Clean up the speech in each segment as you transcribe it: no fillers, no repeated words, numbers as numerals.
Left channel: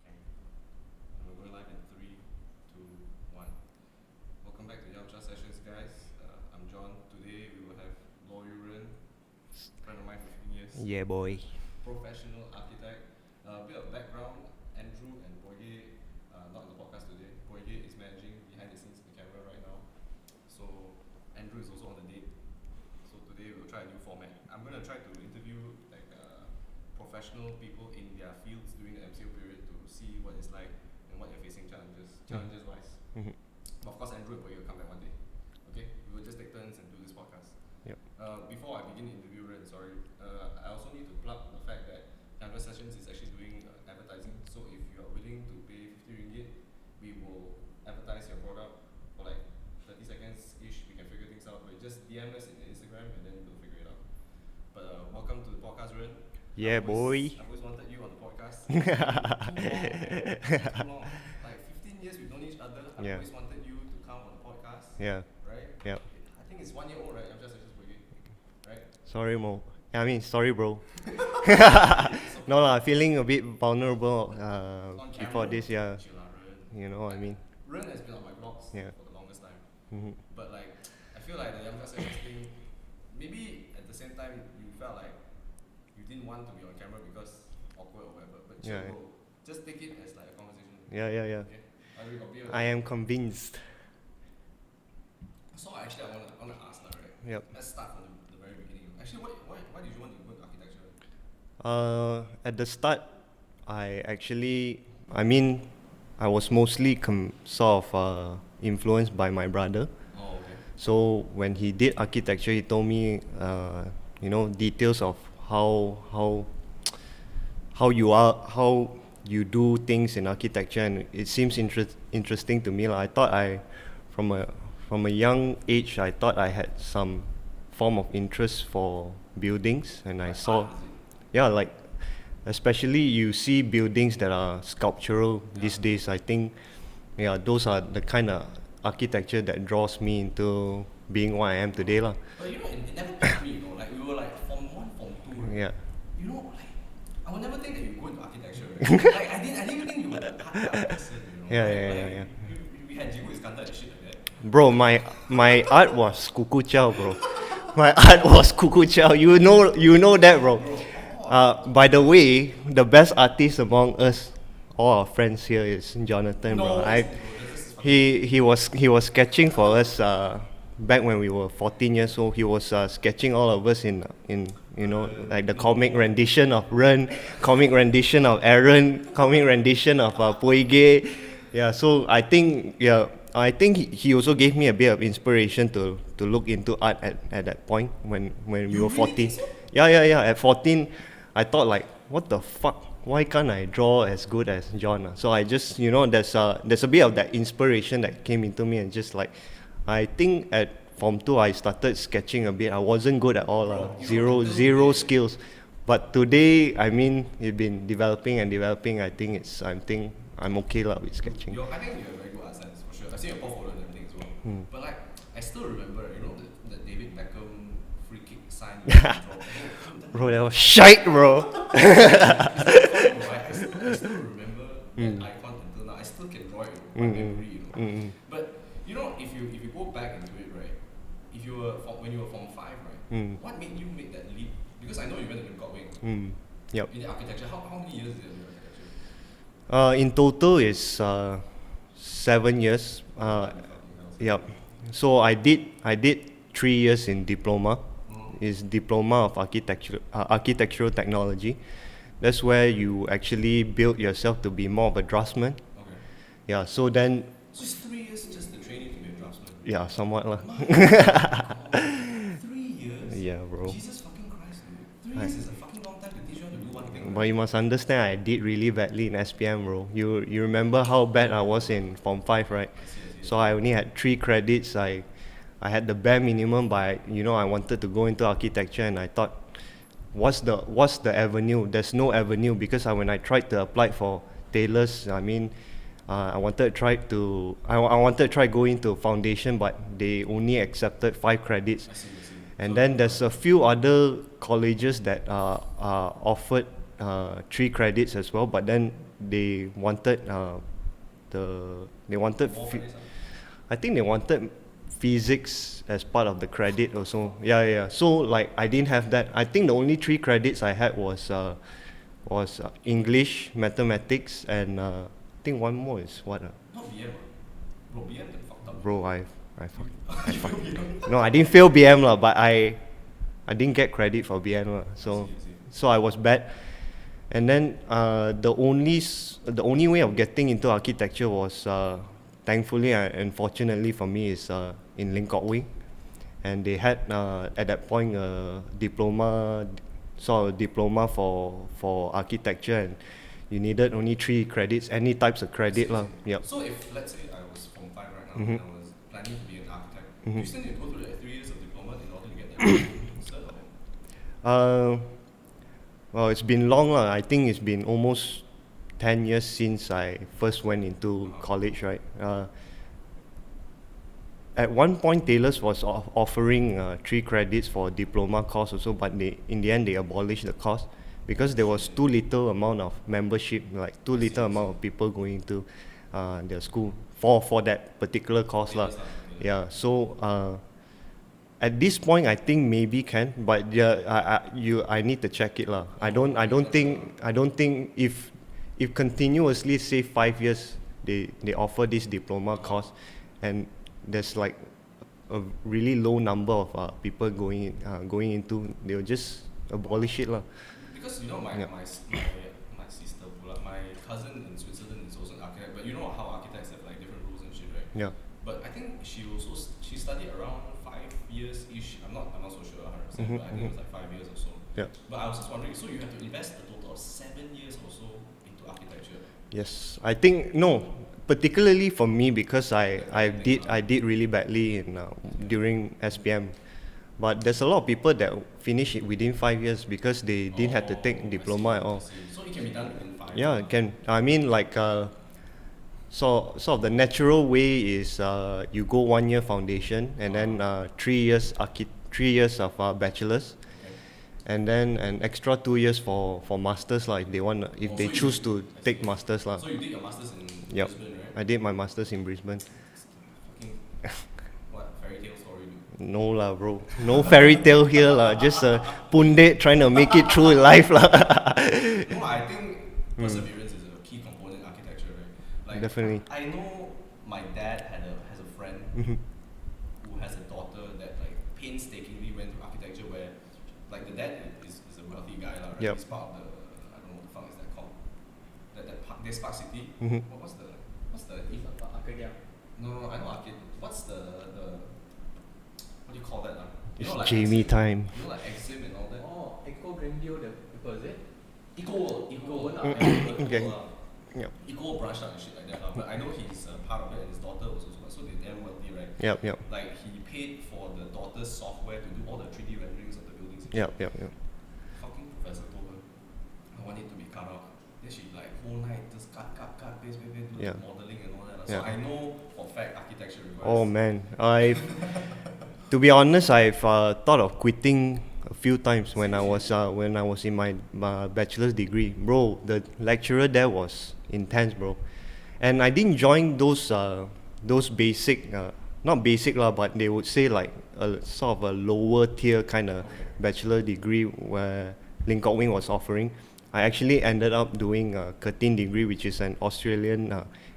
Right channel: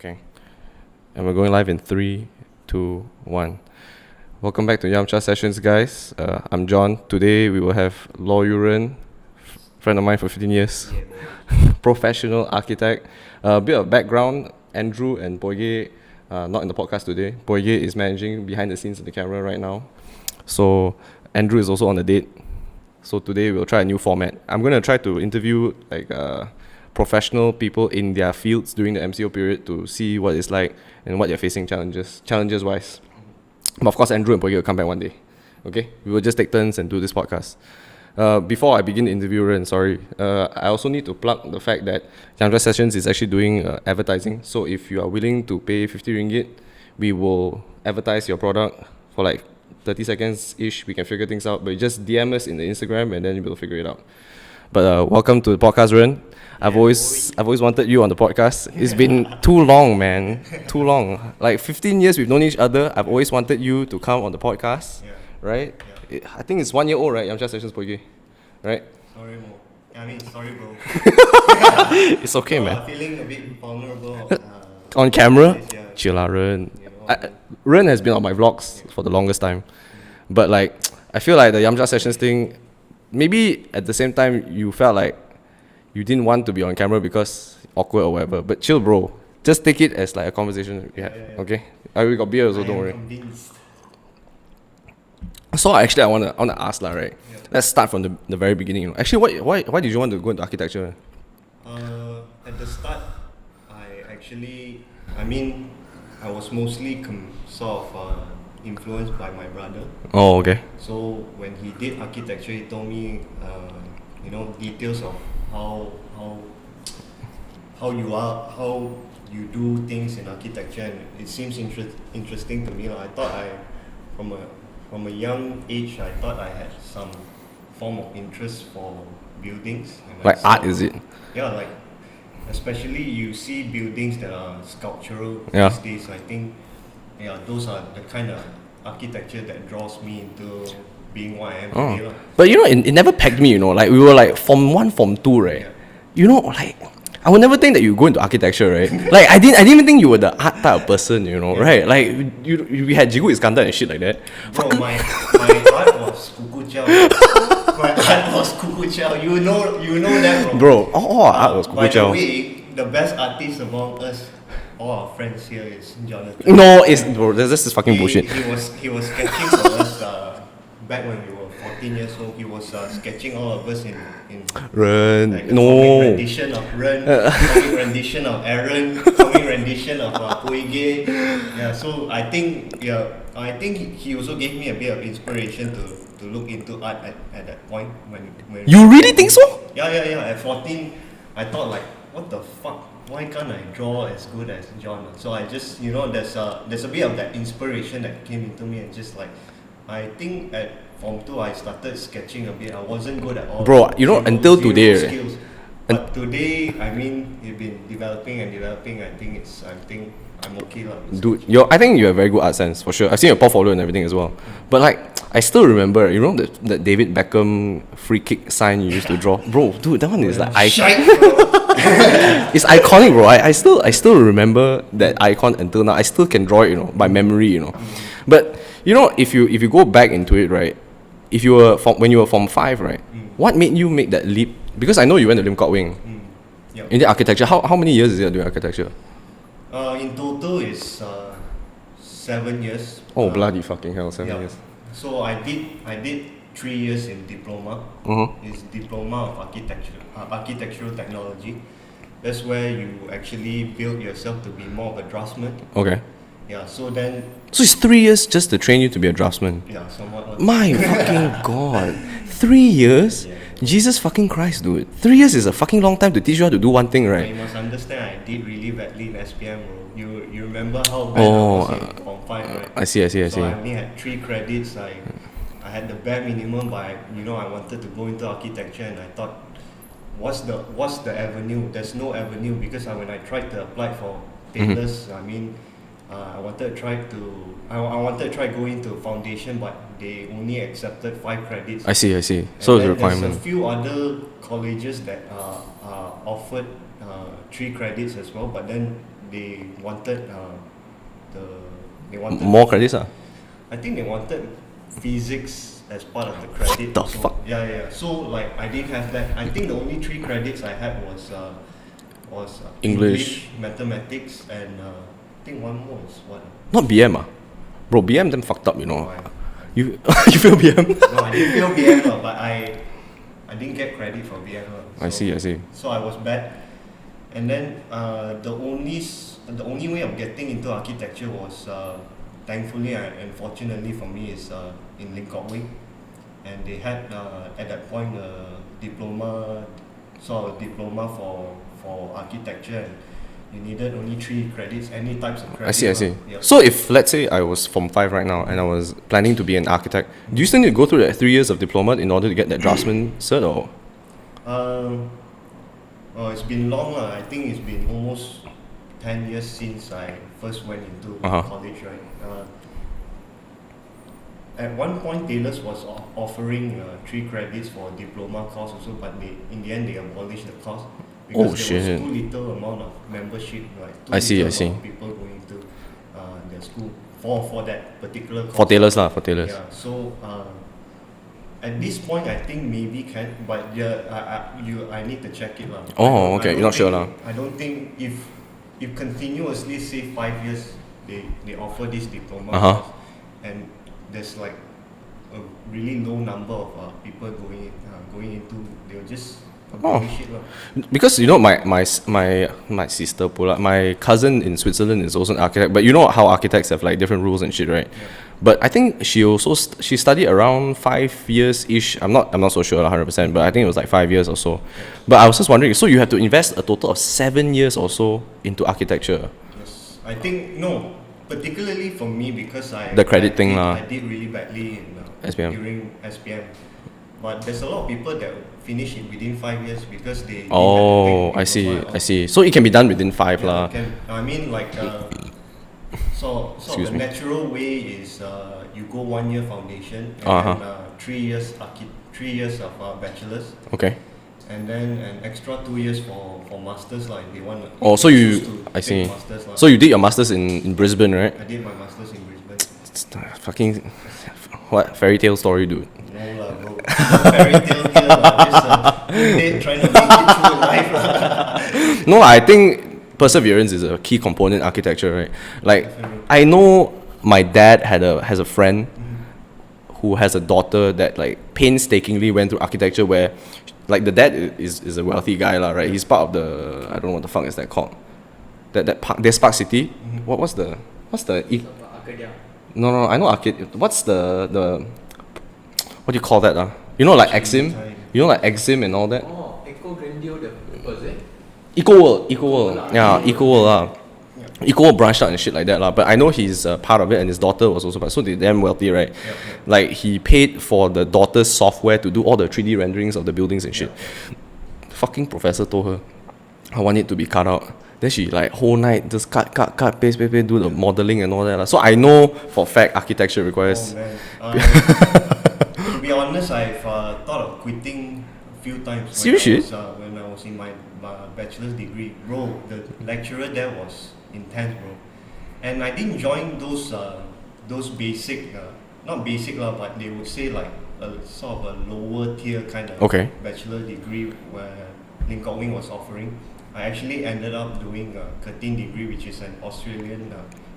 Okay. And we're going live in 3, 2, 1. Welcome back to Yamcha Sessions, guys. I'm John. Today we will have Law Yuren, friend of mine for 15 years. Yeah, boy. Professional architect. A bit of background, Andrew and Poige, not in the podcast today. Poige is managing behind the scenes of the camera right now. So Andrew is also on the date. So today we'll try a new format. I'm going to try to interview professional people in their fields during the MCO period to see what it's like and what they're facing challenges wise. But of course, Andrew and Poige will come back one day. Okay, we will just take turns and do this podcast. Before I begin the interview, I also need to plug the fact that Yamcha Sessions is actually doing advertising. So if you are willing to pay 50 ringgit, we will advertise your product for like 30 seconds ish. We can figure things out, but just DM us in the Instagram and then we'll figure it out. But welcome to the podcast, Ren. Yeah, I've always wanted you on the podcast. It's been too long, man. Too long. Like 15 years we've known each other. I've always wanted you to come on the podcast. Yeah. Right? Yeah. I think it's 1 year old, right? Yamcha Sessions Poige. Right? Sorry, Mo. Sorry, bro. It's okay, no, man. I'm feeling a bit vulnerable. On camera? Yeah. Chill lah, Ren. You know what I mean? Ren has been on my vlogs for the longest time. But like, I feel like the Yamcha Sessions thing, maybe at the same time you felt like you didn't want to be on camera because awkward or whatever. But chill, bro. Just take it as like a conversation. Yeah. Okay? We got beer also, I don't am worry. convinced. So actually I wanna ask lah, right? Yep. Let's start from the very beginning. You know. Actually, why did you want to go into architecture? At the start, I was mostly sort of influenced by my brother. Oh, okay. So when he did architecture, he told me, details of how you do things in architecture, and it seems interesting to me. I thought from a young age, I thought I had some form of interest for buildings, and Like art, is it? Yeah, like especially you see buildings that are sculptural these days. I think, those are the kind of architecture that draws me into being what I am today, lah. But you know, it never pegged me. You know, like we were like Form 1, Form 2, right? Yeah. You know, like I would never think that you go into architecture, right? Like I didn't even think you were the art type of person, you know, right? Like we had Jigu Iskandar and shit like that. Bro, my art was Kuku Chow. My art was Kuku Chow. You know that, bro. Bro, art was by the Kuku Chow. way, the best artist among us, all our friends here, is Jonathan. No, it's bro. This is fucking bullshit. He was sketching for us back when we were 14 years old. He was sketching all of us in Ren, like the no. comic rendition of Ren, comic rendition of Aaron, comic rendition of Poige. Yeah, so I think he also gave me a bit of inspiration to look into art at that point when You really think so? Yeah. At 14, I thought like, what the fuck? Why can't I draw as good as John? So I just, there's a bit of that inspiration that came into me, and just like, I think at Form 2 I started sketching a bit. I wasn't good at all. Bro, until zero today, skills. But today, it's been developing. I think I'm okay lah. Dude, I think you have very good art sense for sure. I've seen your portfolio and everything as well. But like, I still remember, that David Beckham free kick sign you used to draw, bro. Dude, that one is like shite, bro. it's iconic, bro. I still remember that icon until now. I still can draw it, by memory, But if you go back into it, right? If you were when you were Form 5, right? What made you make that leap? Because I know you went to Lim Kok Wing. Yep. In the architecture, how many years is it doing architecture? In total, it's 7 years. Oh, bloody fucking hell, 7 years. So I did 3 years in diploma. It's diploma of architectural technology. That's where you actually build yourself to be more of a draftsman. Okay. Yeah. So it's 3 years just to train you to be a draftsman. Yeah, somewhat. Like. My fucking god. 3 years? Yeah, bro. Jesus fucking Christ, dude. 3 years is a fucking long time to teach you how to do one thing, But right? you must understand, I did really badly in SPM, bro. You remember how bad I was in Form 5, right? I see. So I only had 3 credits. I had the bare minimum, but I wanted to go into architecture, and I thought, what's the avenue? There's no avenue, because when I tried to apply for tailors, I wanted to try going to foundation, but they only accepted 5 credits. I see. And So then the there's a requirement. few other colleges that offered 3 credits as well, but then they wanted they wanted More credits, I think they wanted physics as part of the credit. the also. fuck? Yeah. So like I didn't have that. I think the only 3 credits I had was English, mathematics, and I think one more is what? Not BM, Bro, BM them fucked up, you know. No, You you feel BM? no, I didn't fail BM lah, but I didn't get credit for BM lah. So, I see. So I was bad, and then the only way of getting into architecture was thankfully and fortunately for me is in Lim Kok Wei, and they had at that point a diploma for architecture, and you needed only 3 credits, any types of credit. I see. Yep. So if let's say I was Form 5 right now and I was planning to be an architect, do you still need to go through that 3 years of diploma in order to get that draftsman cert, or? Well, it's been long. I think it's been almost 10 years since I first went into college, right? At one point, Taylor's was offering 3 credits for a diploma course also, but in the end they abolished the course because there was too little amount of membership, like too little amount of people going to their school for that particular course. For Taylor's. Yeah. So at this point, I think maybe can, but I need to check it lah. Oh, okay. You're not sure lah. I don't think if continuously say 5 years they offer this diploma course, and there's like a really low number of people going into, they'll just abolish it lah. Because you know my sister pula, my cousin in Switzerland is also an architect, but you know how architects have like different rules and shit, right? Yeah. But I think she also she studied around 5 years ish. I'm not so sure 100%, but I think it was like 5 years or so. Yeah. But I was just wondering, so you have to invest a total of 7 years or so into architecture? Yes, I think no. Particularly for me, because I did really badly in SPM. during SPM, but there's a lot of people that finish it within 5 years because they had to take Oh, diploma. I see. So it can be done within 5 Yeah, lah. I mean like so the natural way is you go 1 year foundation and then 3 years 3 years of bachelor's. Okay. And then an extra 2 years for masters, like they want. Oh, so choose you to take masters lah. So you did your masters in Brisbane, right? I did my masters in Brisbane. It's fucking what fairy tale story, dude. No lah, bro. No fairy tale here lah. Just pundit trying to make it through life lah. No, I think perseverance is a key component in architecture, right? Like, Definitely. I know my dad has a friend who has a daughter that like painstakingly went through architecture, where like the dad is a wealthy guy lah, right? Yeah. He's part of the, I don't know what the fuck is that called, that park, there's Park City. What's the no, I know Arcade. What's the what do you call that you know, like Exim, you know, like Exim and all that. Eco Grandeur was it? Eco World, yeah, Eco World Eco World branched out and shit like that lah. But I know he's part of it, and his daughter was also part. So they're damn wealthy, right? Yep. Like he paid for the daughter's software to do all the 3D renderings of the buildings and shit. Yep. Fucking professor told her, I want it to be cut out. Then she like whole night just cut, paste, do the modeling and all that lah. So I know for a fact architecture requires. Oh man, to be honest, I've thought of quitting a few times when I was in my bachelor's degree, bro. The lecturer there was intense, bro, and I didn't join those basic, not basic lah, but they would say like a sort of a lower tier kind of bachelor degree where Lim Kok Wei was offering. I actually ended up doing a 13 degree, which is an Australian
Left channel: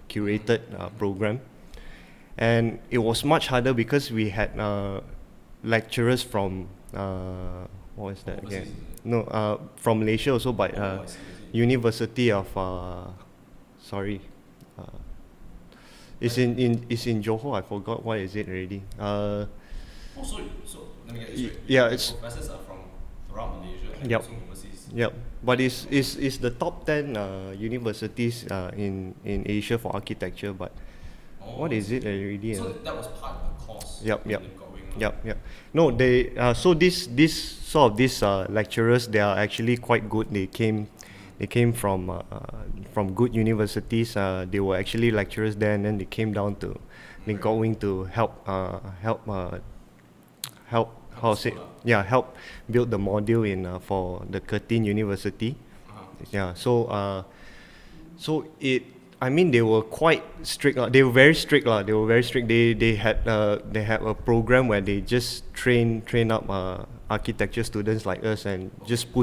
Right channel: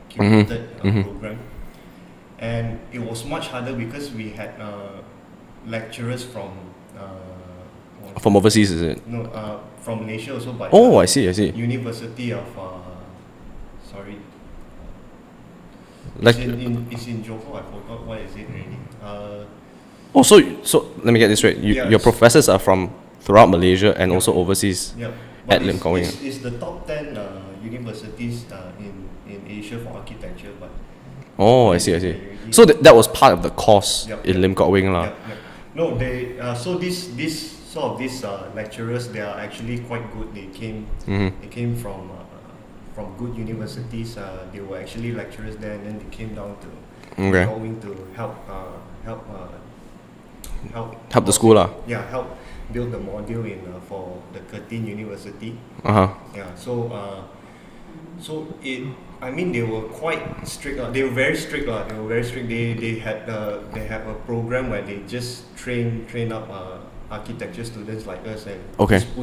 curated program, and it was much harder because we had lecturers from overseas, is it? No, from Malaysia also, but I see. University of it's in Johor. I forgot what is it already. So let me get this straight. Your professors are from throughout Malaysia and also overseas. Yep. But it's the top 10 universities in Asia for architecture. But I see. So that was part of the course in Lim Kok Wei lah. Yep. No, they so this lecturers, they are actually quite good. They came from good universities. They were actually lecturers there, and then they came down to Lim Kok Wei to help the school lah. Yeah, help build the module in for the Curtin University. Yeah, so So I mean, they were quite strict. They were very strict. They were very strict. They had a program where they just train up architecture students like us and Okay. just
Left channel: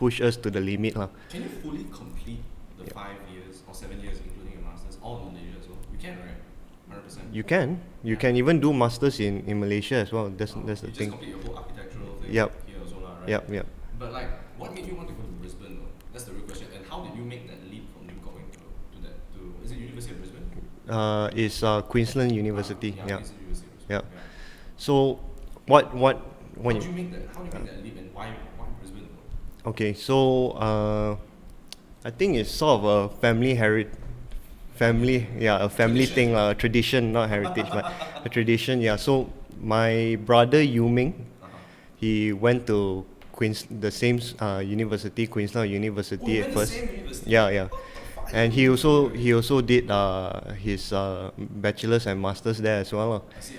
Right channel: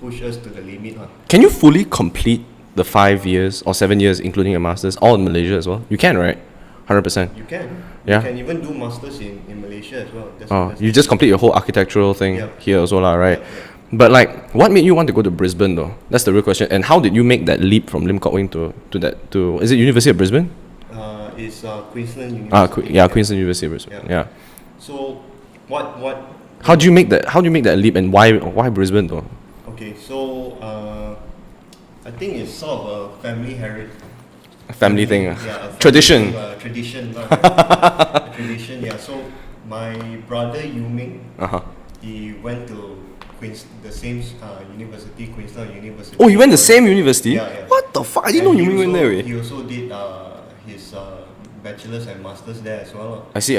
push us to the limit. Can you fully complete the 5 years or 7 years, including a master's, all in Malaysia as well? You can, right? 100%. You can. Yeah. You can even do masters in Malaysia as well. That's You just complete your whole architectural thing Yep. here as well, lah, right? Yep. But like, what made you want to go to Brisbane though? That's the real question. And how did you make that leap from Lim Kok Wing to is it University of Brisbane? It's Queensland University. Queensland University of Brisbane. Yeah. Yeah. So what? How do you make that leap, and why Brisbane though? Okay, so I think it's sort of a family Family thing. Yeah, a family Tradition. Thing, tradition, not heritage. A tradition, yeah. So my brother Yu Ming, he went to the same university, Queensland University. Oh, he went the first. same university? Yeah. What the fuck? I didn't And know you went there. he also did his bachelor's and master's there as well. I see.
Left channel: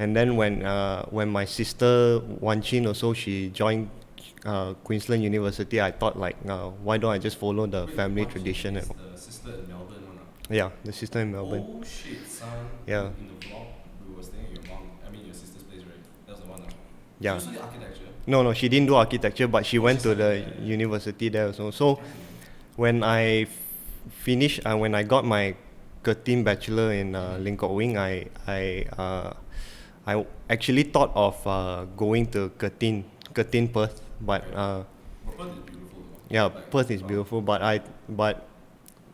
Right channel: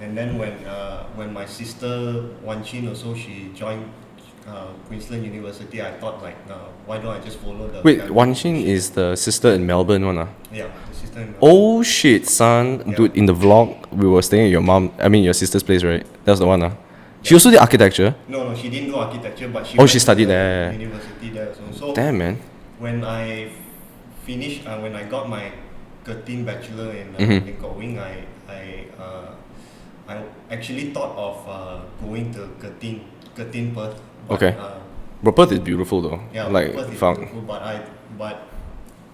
And then when my sister Wan Chin also, she joined Queensland University, I thought like, why don't I just follow the Wait, family Wan Xin tradition? is the sister in Melbourne one. Yeah, the sister in Melbourne. Oh shit, son. Yeah. Dude, in the vlog, we were staying at your sister's place, right? That's the one. She Yeah. also did architecture. No, she didn't do architecture, but she Oh, went she to studied the there. university there also. So Damn, man. when I finished, when I got my 13 bachelor in Lim Kok Wing, I actually thought of going to Curtin Perth, but Okay. Bro, Perth is beautiful though. yeah, like, Perth is found- beautiful. But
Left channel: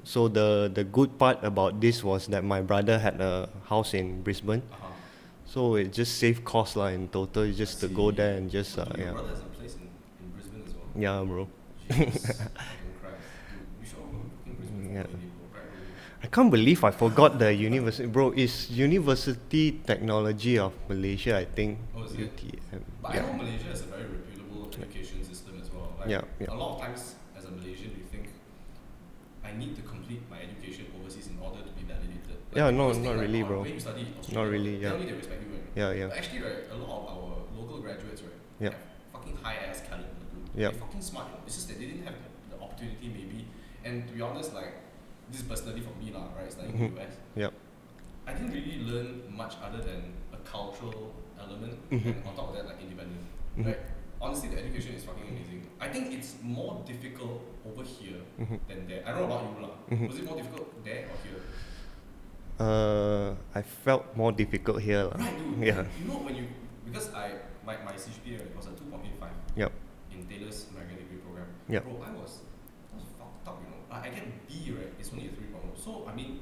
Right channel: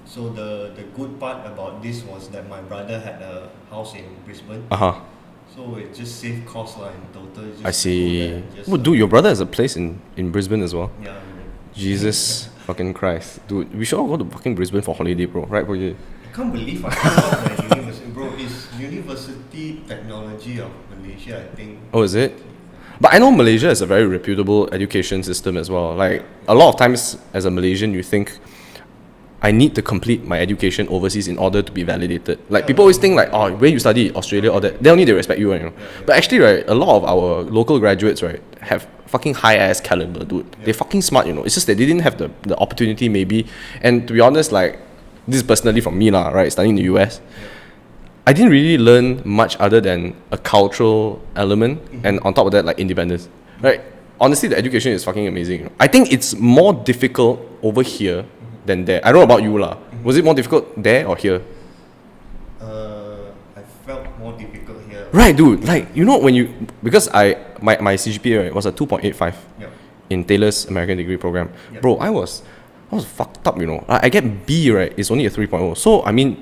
so the good part about this was that my brother had a house in Brisbane, Uh-huh. so it just saved cost in total. It's just I to go see. there and just. Oh, dude, your brother has a place in Brisbane as well. Yeah, bro. Jesus fucking Christ. Dude, we should all go to fucking Brisbane for holiday, bro. Right, bro? I can't believe I forgot the university, bro. It's University Technology of Malaysia, I think. Oh, is it? But I know Malaysia is a very reputable education system as well. Like, a lot of times as a Malaysian, you think, I need to complete my education overseas in order to be validated. Like, Yeah, people no, always think like, no, oh, where you study, Australia, no, or that. yeah. They only they respect you, you know. Yeah. But actually, right, a lot of our local graduates, right, have fucking high ass caliber, dude. Yeah. They're fucking smart, you know. It's just that they didn't have the opportunity, maybe. And to be honest, like, this is personally from me, lah, right, studying in the US. Yeah. I didn't really learn much other than a cultural element, and on top of that, like independence. Right? Honestly, the education is fucking amazing. I think it's more difficult over here than there. I don't know about you, lah. Was it more difficult there or here? I felt more difficult here. Right, dude. Like, you know, when you, because my CGPA, right, was a 2.85 Yeah. in Taylor's American degree program. Yeah. Bro, I was fucked up, you know. I get B, right, it's only a 3.0. So, I mean,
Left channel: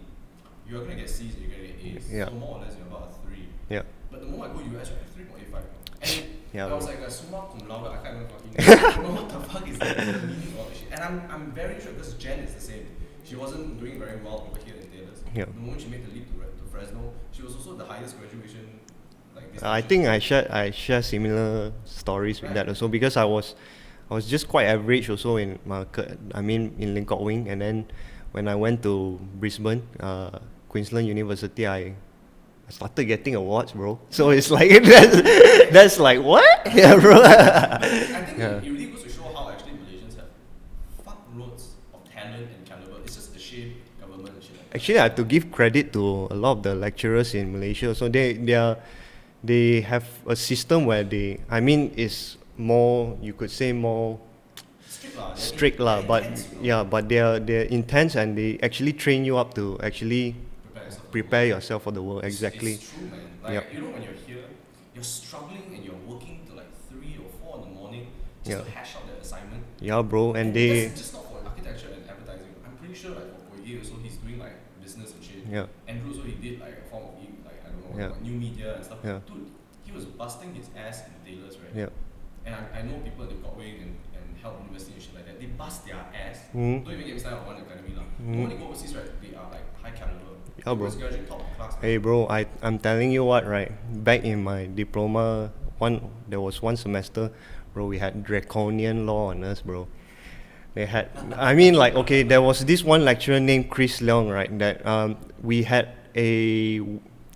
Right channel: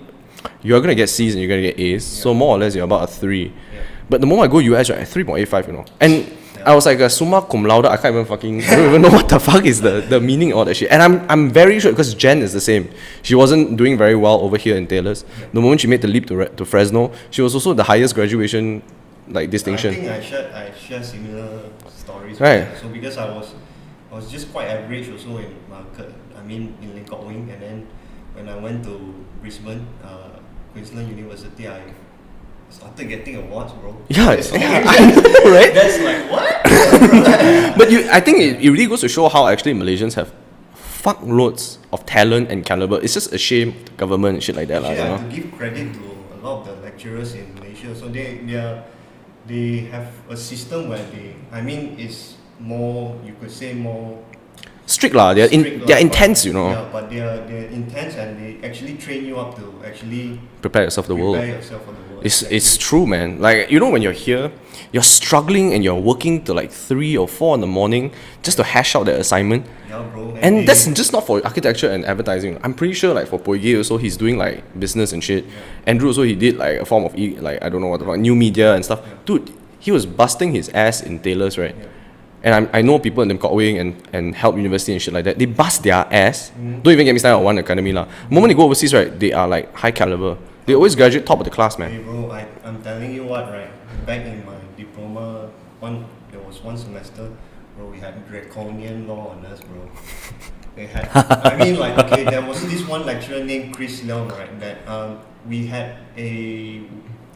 you're gonna get C's and you're gonna get A's. Yeah. So more or less you're about a 3. Yeah. But the moment I go US, right, 3.85, you know. And Yeah. I was like a summa cum laude. I can't even I don't even know what the fuck is the meaning of all that shit. And I'm very sure, because Jen is the same. She wasn't doing very well over here in Taylor's. Yeah. The moment she made the leap to Fresno, she was also the highest graduation like I distinction. think I share similar stories Right. with that also, because I was just quite average also in in Lim Kok Wing, and then when I went to Brisbane, Queensland University, I started getting awards, bro. Yeah, So it's like right? that's like what? But I think it really goes to show how actually Malaysians have fuckloads of talent and caliber. It's just a shame government and shit like that. Actually, lah, I you have to know? give credit to a lot of the lecturers in Malaysia. So they have a system where is more, you could say, more Strict lah. They're strict lah, they're but- intense, you know. Yeah, but they're intense, and they actually train you up to actually Prepare yourself for the world. prepare yourself for the world. It's exactly. true, man. Like, you know, when you're here, you're struggling and you're working till like 3 or 4 in the morning just to hash out that assignment. Yeah, bro. And that's just not for architecture and advertising. I'm pretty sure like for Poige also, he's doing like business and shit. Yeah. Andrew also, he did like a form of like, I don't know what the fuck, new media and stuff. Yeah. Dude, he was busting his ass in Taylor's, right? Yeah. And I know people in Lim Kok Wing and Help University and shit like that. They bust their ass. Mm. Don't even get me started on One Academy lah. Moment they go overseas, right, they are like high caliber. They always graduate top of the class, man. Hey, bro, I'm telling you what, right? Back in my diploma, there was one semester, bro, we had draconian law on us, bro. They had, there was this one lecturer named Chris Leong, right? That we had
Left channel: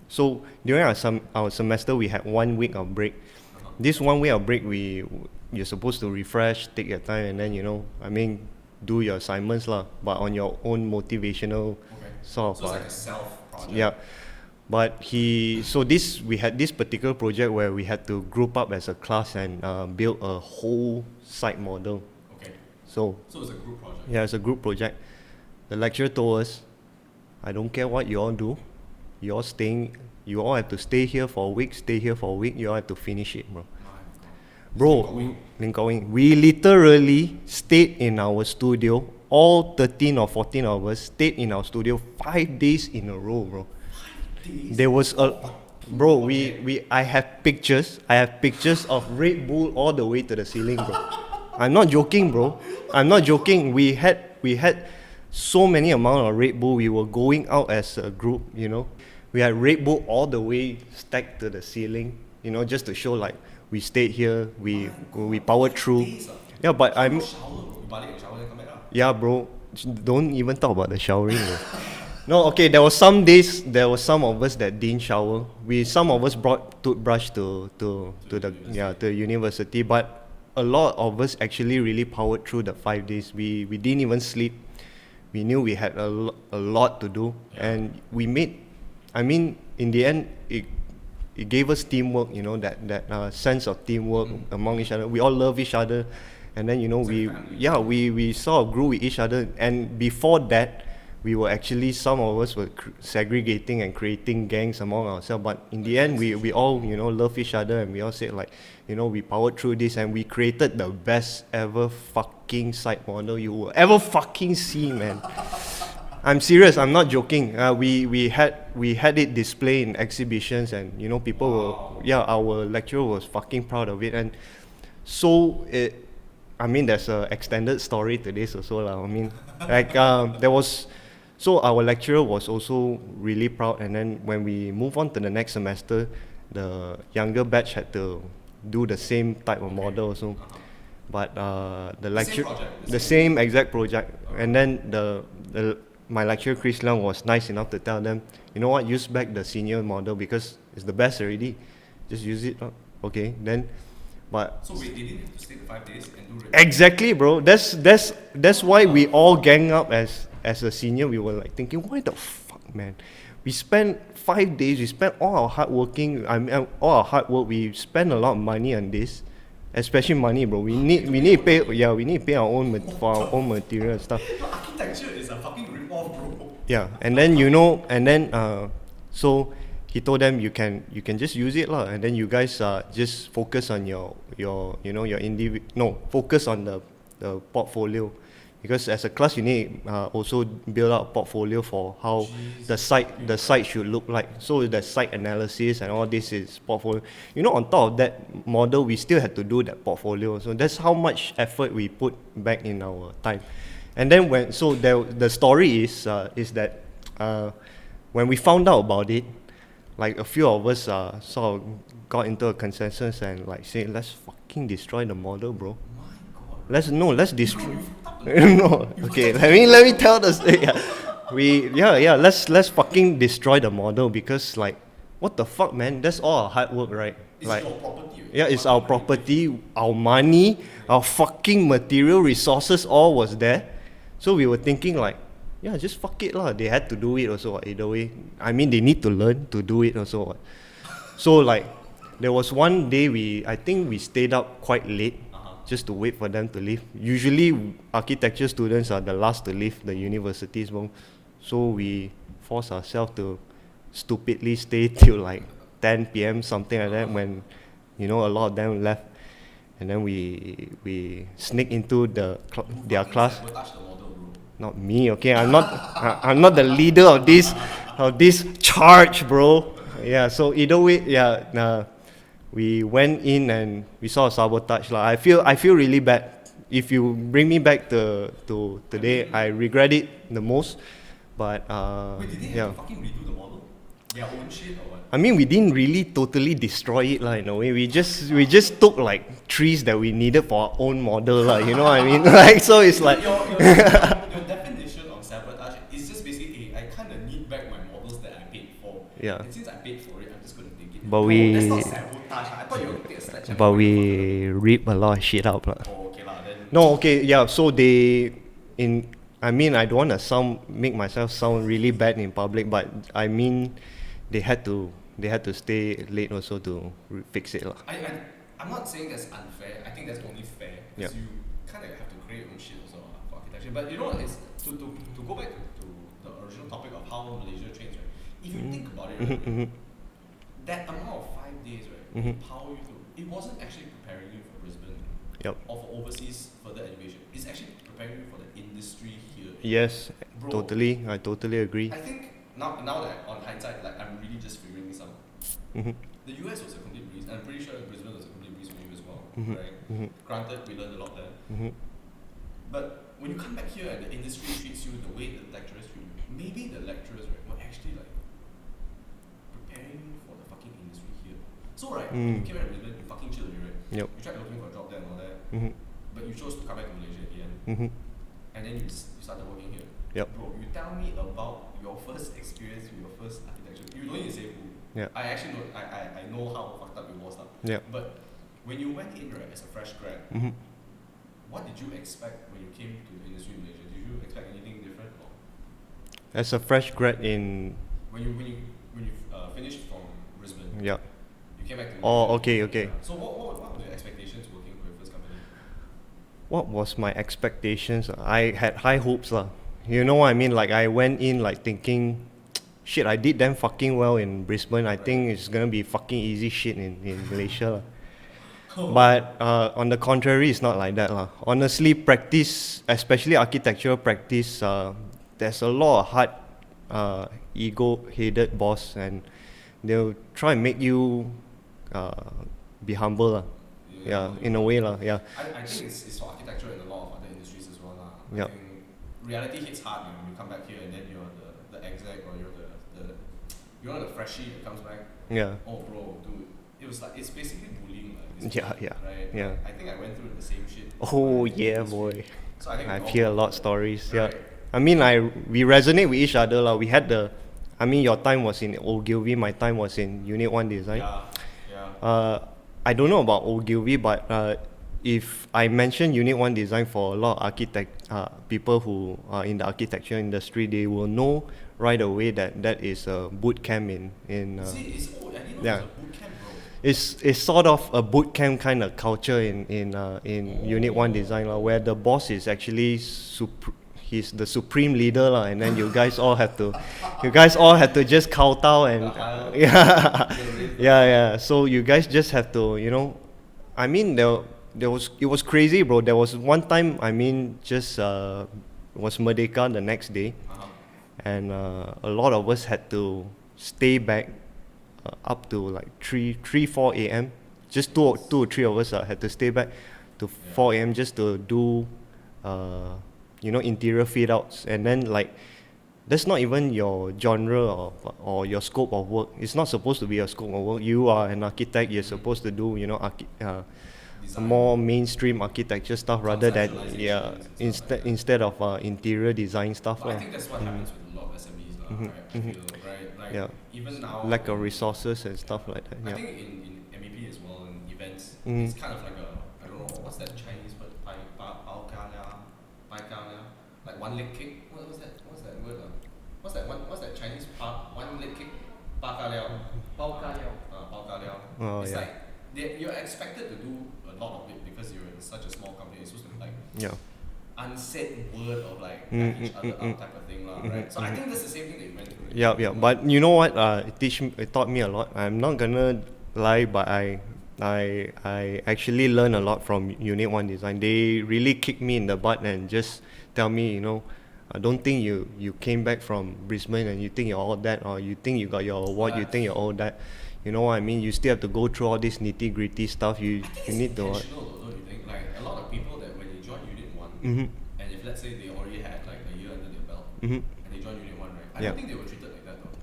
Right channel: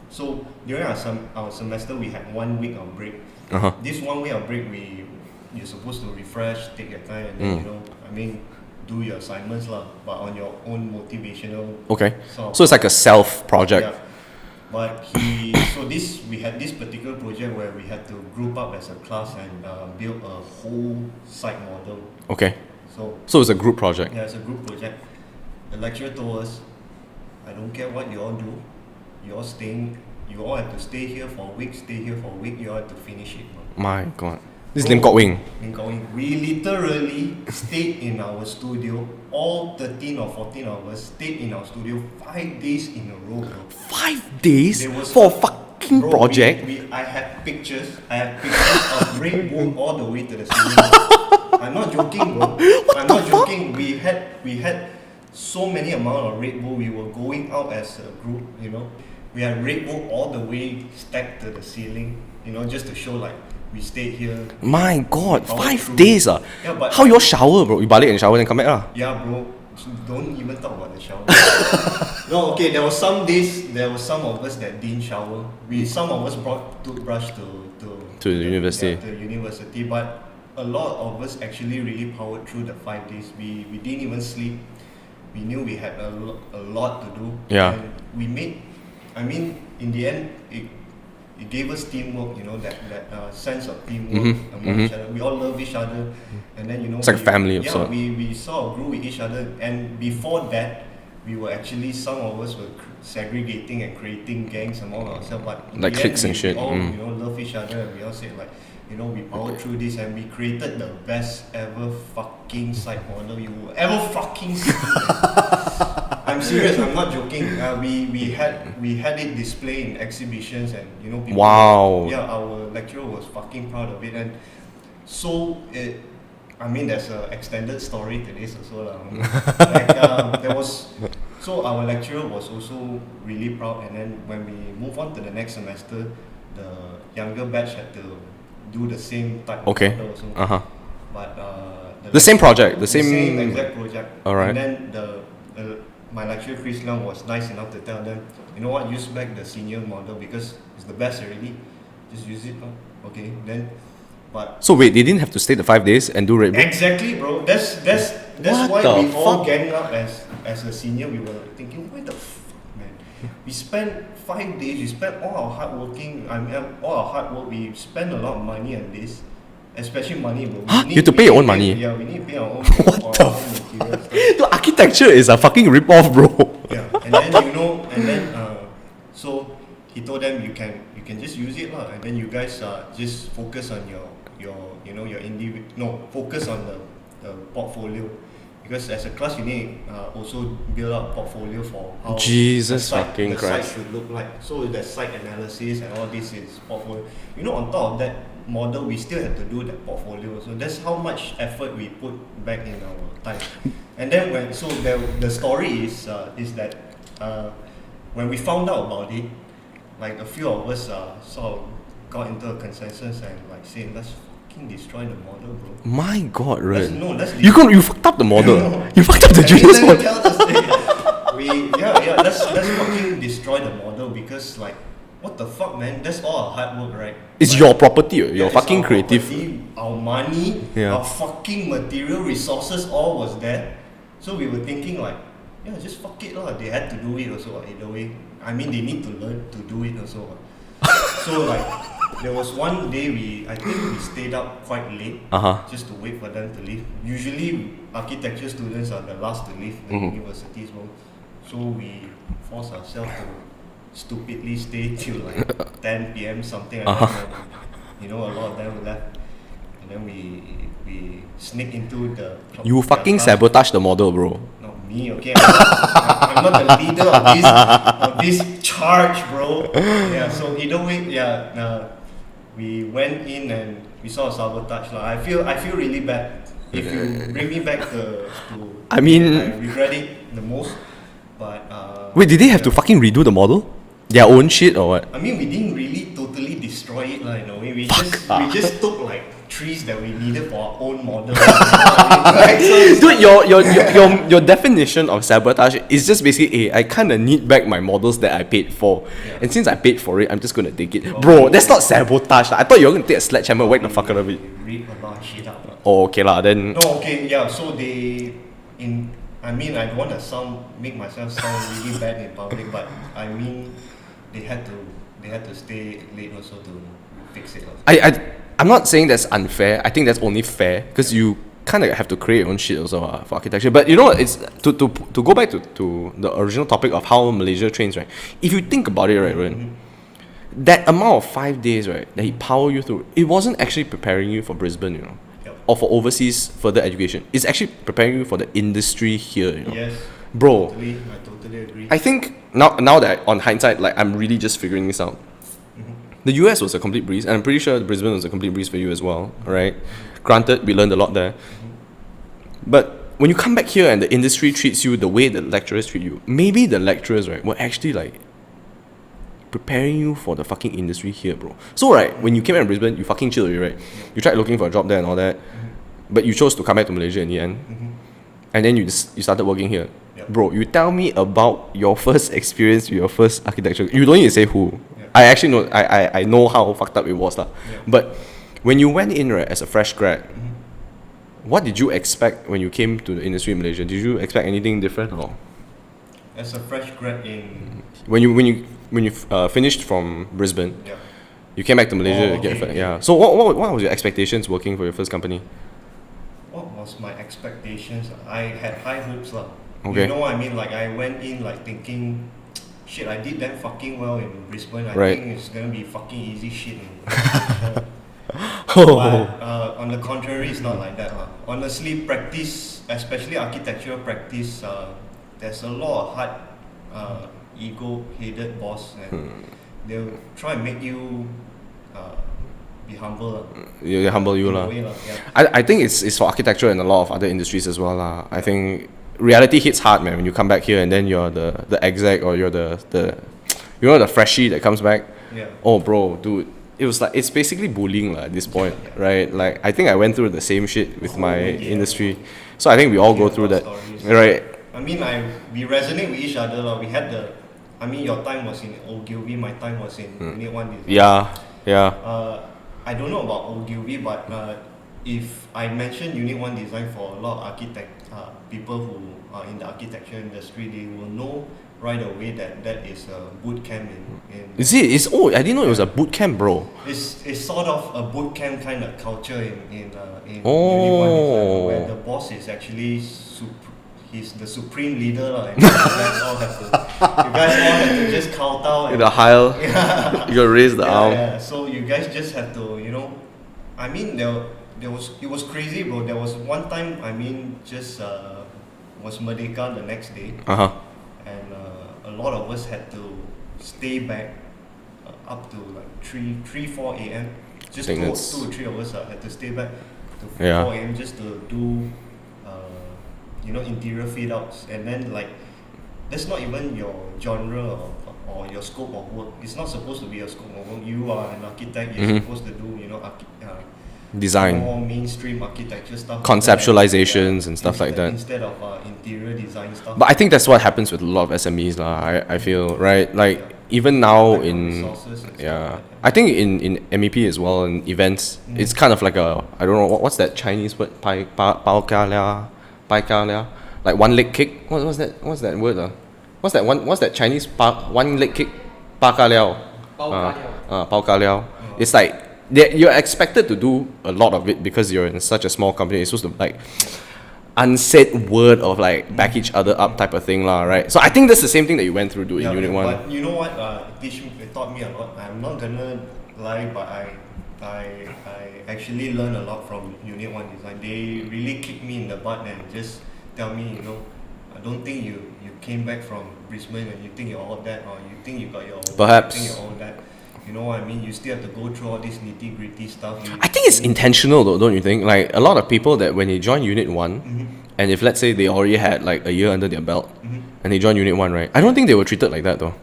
so during our semester, we had 1 week of break. This 1 week of break, you're supposed to refresh, take your time, and then do your assignments lah, but on your own motivational Okay. sort of So it's like a self project. yeah. But we had this particular project where we had to group up as a class and build a whole site model. Okay. So So it's a group project. yeah, it's a group project. The lecturer told us, I don't care what you all do, you all have to stay here for a week, you all have to finish it, bro. My God. This is Bro, Lim Kok Wing. Lim Kok Wing. We literally stayed in our studio, all 13 or 14 of us stayed in our studio 5 days in a row, bro. 5 days There was for a a- fucking Bro, project. I have pictures of Red Bull all the way to the ceiling, bro. I'm not joking, bro. I'm not joking. We had so many amount of Red Bull. We were going out as a group, you know. We had Red Bull all the way stacked to the ceiling, you know, just to show like we stayed here. My God, powered 5 through. days ah. Yeah, but how I- you all shower, bro? You balik and shower then come back lah. Yeah, bro. Don't even talk about the shower. No, okay. There was some of us that didn't shower. Some of us brought toothbrush to the university. Yeah, to university. But a lot of us actually really powered through the 5 days. We didn't even sleep. We knew we had a lot to do. Yeah. And we made. I mean, in the end, it gave us teamwork. You know, that sense of teamwork among each other. We all love each other, and then you know It's like family of Yeah, sorts. we sort of grew with each other, and before that, we were actually some of us were segregating and creating gangs among ourselves. But in Like the end, cliques and we shit. all you know love each other, and we all said like, you know, we powered through this, and we created the best ever fucking site model you will ever fucking see, man. I'm serious. I'm not joking. We had it displayed in exhibitions, and you know people. Wow. Our lecturer was fucking proud of it, and so it. I mean, there's an extended story to this also lah. I mean, like there was. So our lecturer was also really proud, and then when we move on to the next semester, the younger batch had to do the same type of Okay. model also. Uh huh. But The same project, the same- same exact project. Alright. And then my lecturer Chris Leong was nice enough to tell them, you know what, use back the senior model because it's the best already. Just use it. Okay. Then, but So wait, they didn't have to stay the 5 days and do Red Bull? exactly, bro. That's What why the we all fuck? gang up as a senior. We were like thinking, why the fuck, man? We spent 5 days. We spent all our hard working. I mean, all our hard work. We spent a lot of money on this, especially money, bro. You have to pay your own money? Yeah, we need to pay our own for our own material stuff. The architecture is a fucking rip-off, bro. Yeah, and then you know, and then so he told them you can just use it lah, and then you guys just focus on your focus on the portfolio, because as a class you need also build up portfolio for how Jesus fucking the site Christ. should look like. So the site analysis and all this is portfolio. You know, on top of that model, we still had to do that portfolio. So that's how much effort we put back in our time. And then the story is that when we found out about it, like a few of us sort of got into a consensus and like said, let's fucking destroy the model, bro. My God, right? Let's You fucked up the model. No. You fucked up the I mean, Jesus let me model. tell the story. Let's fucking destroy the model because like, what the fuck, man? That's all our hard work, right? It's Like, your property, your it's fucking our creative. property, our money, Yeah. our fucking material resources, all was there. So we were thinking like, yeah, just fuck it lah. They had to do it also either way. I mean, they need to learn to do it also. So like, there was one day I think we stayed up quite late Uh-huh. just to wait for them to leave. Usually, architecture students are the last to leave the universities, well. So we force ourselves to stupidly stay till like 10 p.m. something like that when a lot of them left, and then we sneak into the You their fucking class. sabotage the model, bro. Not me, okay. I'm not the leader of this charge, bro. Yeah. So either way, we went in and we saw a sabotage lah. I feel really bad. If you bring me back to I mean- I regret it the most. But Wait, did they have to yeah. fucking redo the model? Their own shit or what? I mean, we didn't really totally destroy it lah. In a way, we just took like trees that we needed for our own model. Lah, you know what I mean? Like, so it's Dude, your definition of sabotage is just basically, I kind of need back my models that I paid for, Yeah. and since I paid for it, I'm just gonna take it. But Bro, we- that's not sabotage. I thought you were gonna take a sledgehammer and whack the fuck out of we it. rip a lot of shit out. Lah. Oh, okay lah, then. No, okay, yeah. So they I mean, I don't want to make myself sound really bad in public, but I mean, they had to stay late also to fix it. I'm not saying that's unfair. I think that's only fair because you kind of have to create your own shit also for architecture. But you know what? It's to go back to the original topic of how Malaysia trains, right? If you think about it, right, that amount of 5 days, right, that he power you through, it wasn't actually preparing you for Brisbane, you know, or for overseas further education. It's actually preparing you for the industry here, you know. Yes, bro. I totally agree. I think now that on hindsight, like I'm really just figuring this out. The US was a complete breeze, and I'm pretty sure Brisbane was a complete breeze for you as well, right? Granted, we learned a lot there. But when you come back here and the industry treats you the way the lecturers treat you, maybe the lecturers, right, were actually like preparing you for the fucking industry here, bro. So, right, when you came out in Brisbane, you fucking chilled, right? Yep. You tried looking for a job there and all that, but you chose to come back to Malaysia in the end. And then you started working here. Yep. Bro, you tell me about your first experience with your first architecture. You don't need to say who. Yeah. I actually know, I know how fucked up it was. Yeah. But when you went in, right, as a fresh grad, what did you expect when you came to the industry in Malaysia? Did you expect anything different or? As a fresh grad in... When you finished from Brisbane, Yeah. you came back to Malaysia. Oh, okay, okay. Yeah. So what was your expectations working for your first company? What was my expectations? I had high hopes lah. Okay. You know what I mean? Like I went in like thinking, shit, I did damn fucking well in Brisbane. I Right. think it's gonna be fucking easy shit in Malaysia. But on the contrary, it's not like that lah. Honestly, practice, especially architectural practice, there's a lot of hard, ego-headed boss, and they'll try and make you be humble lah. You humble you in lah. a way lah. Yeah. I think it's for architecture and a lot of other industries as well lah. I Yeah. think reality hits hard, man, when you come back here and then you're the exec or you're the the freshie that comes back. Yeah. Oh bro, dude, it was like it's basically bullying lah at this point, yeah. right? Yeah. Like I think I went through the same shit with Oh, my yeah, industry, boy. so I think we I all hear go a through lot that, of stories. right? I mean, we resonate with each other lah. We had your time was in Ogilvy, my time was in Unit 1 Design. Yeah. I don't know about Ogilvy, but if I mention Unit 1 Design for a lot of people who are in the architecture industry, they will know right away that is a boot camp in Is it? I didn't know it was a boot camp, bro. It's sort of a boot camp kind of culture in Unit 1 Design, where the boss is actually he's the supreme leader lah, and you guys all have to just kowtow and The high, you raise the arm. yeah. So you guys just have to, you know, I mean it was crazy, bro. There was one time, I mean, just was Merdeka the next day, and a lot of us had to stay back up to like 4 a.m. Just two or three of us had to stay back to 4 a.m. just to do interior fit outs, and then like that's not even your genre or your scope of work. It's not supposed to be a scope of work. You are an architect. You're supposed to do Design, more mainstream architecture stuff, conceptualizations and stuff like that, instead of interior design stuff. But I think that's what happens with a lot of SMEs lah. I feel, right, like even now Lack of in resources and stuff like that. I think in MEP as well, in events, it's kind of like a, I don't know what's that Chinese word, pai ka lia, like one leg kick. What's that word? What's that Chinese one leg kick? Pa ka liao. Pao ka liao. It's like you're expected to do a lot of it because you're in such a small company. It's supposed to like unsaid word of like back each other up type of thing lah, right? So I think that's the same thing that you went through in Unit 1. But you know what? It taught me a lot. I'm not gonna lie, but I actually learned a lot from Unit 1 Design. They really kicked me in the butt and just tell me, you know, I don't think you came back from Brisbane and you think you're all that, or you think you got your work, Perhaps. you think you're all that. You know what I mean? You still have to go through all this nitty gritty stuff. I think it's intentional though, don't you think? Like a lot of people that when they join Unit 1, and if let's say they already had like a year under their belt, and they join Unit 1, right? I don't think they were treated like that though.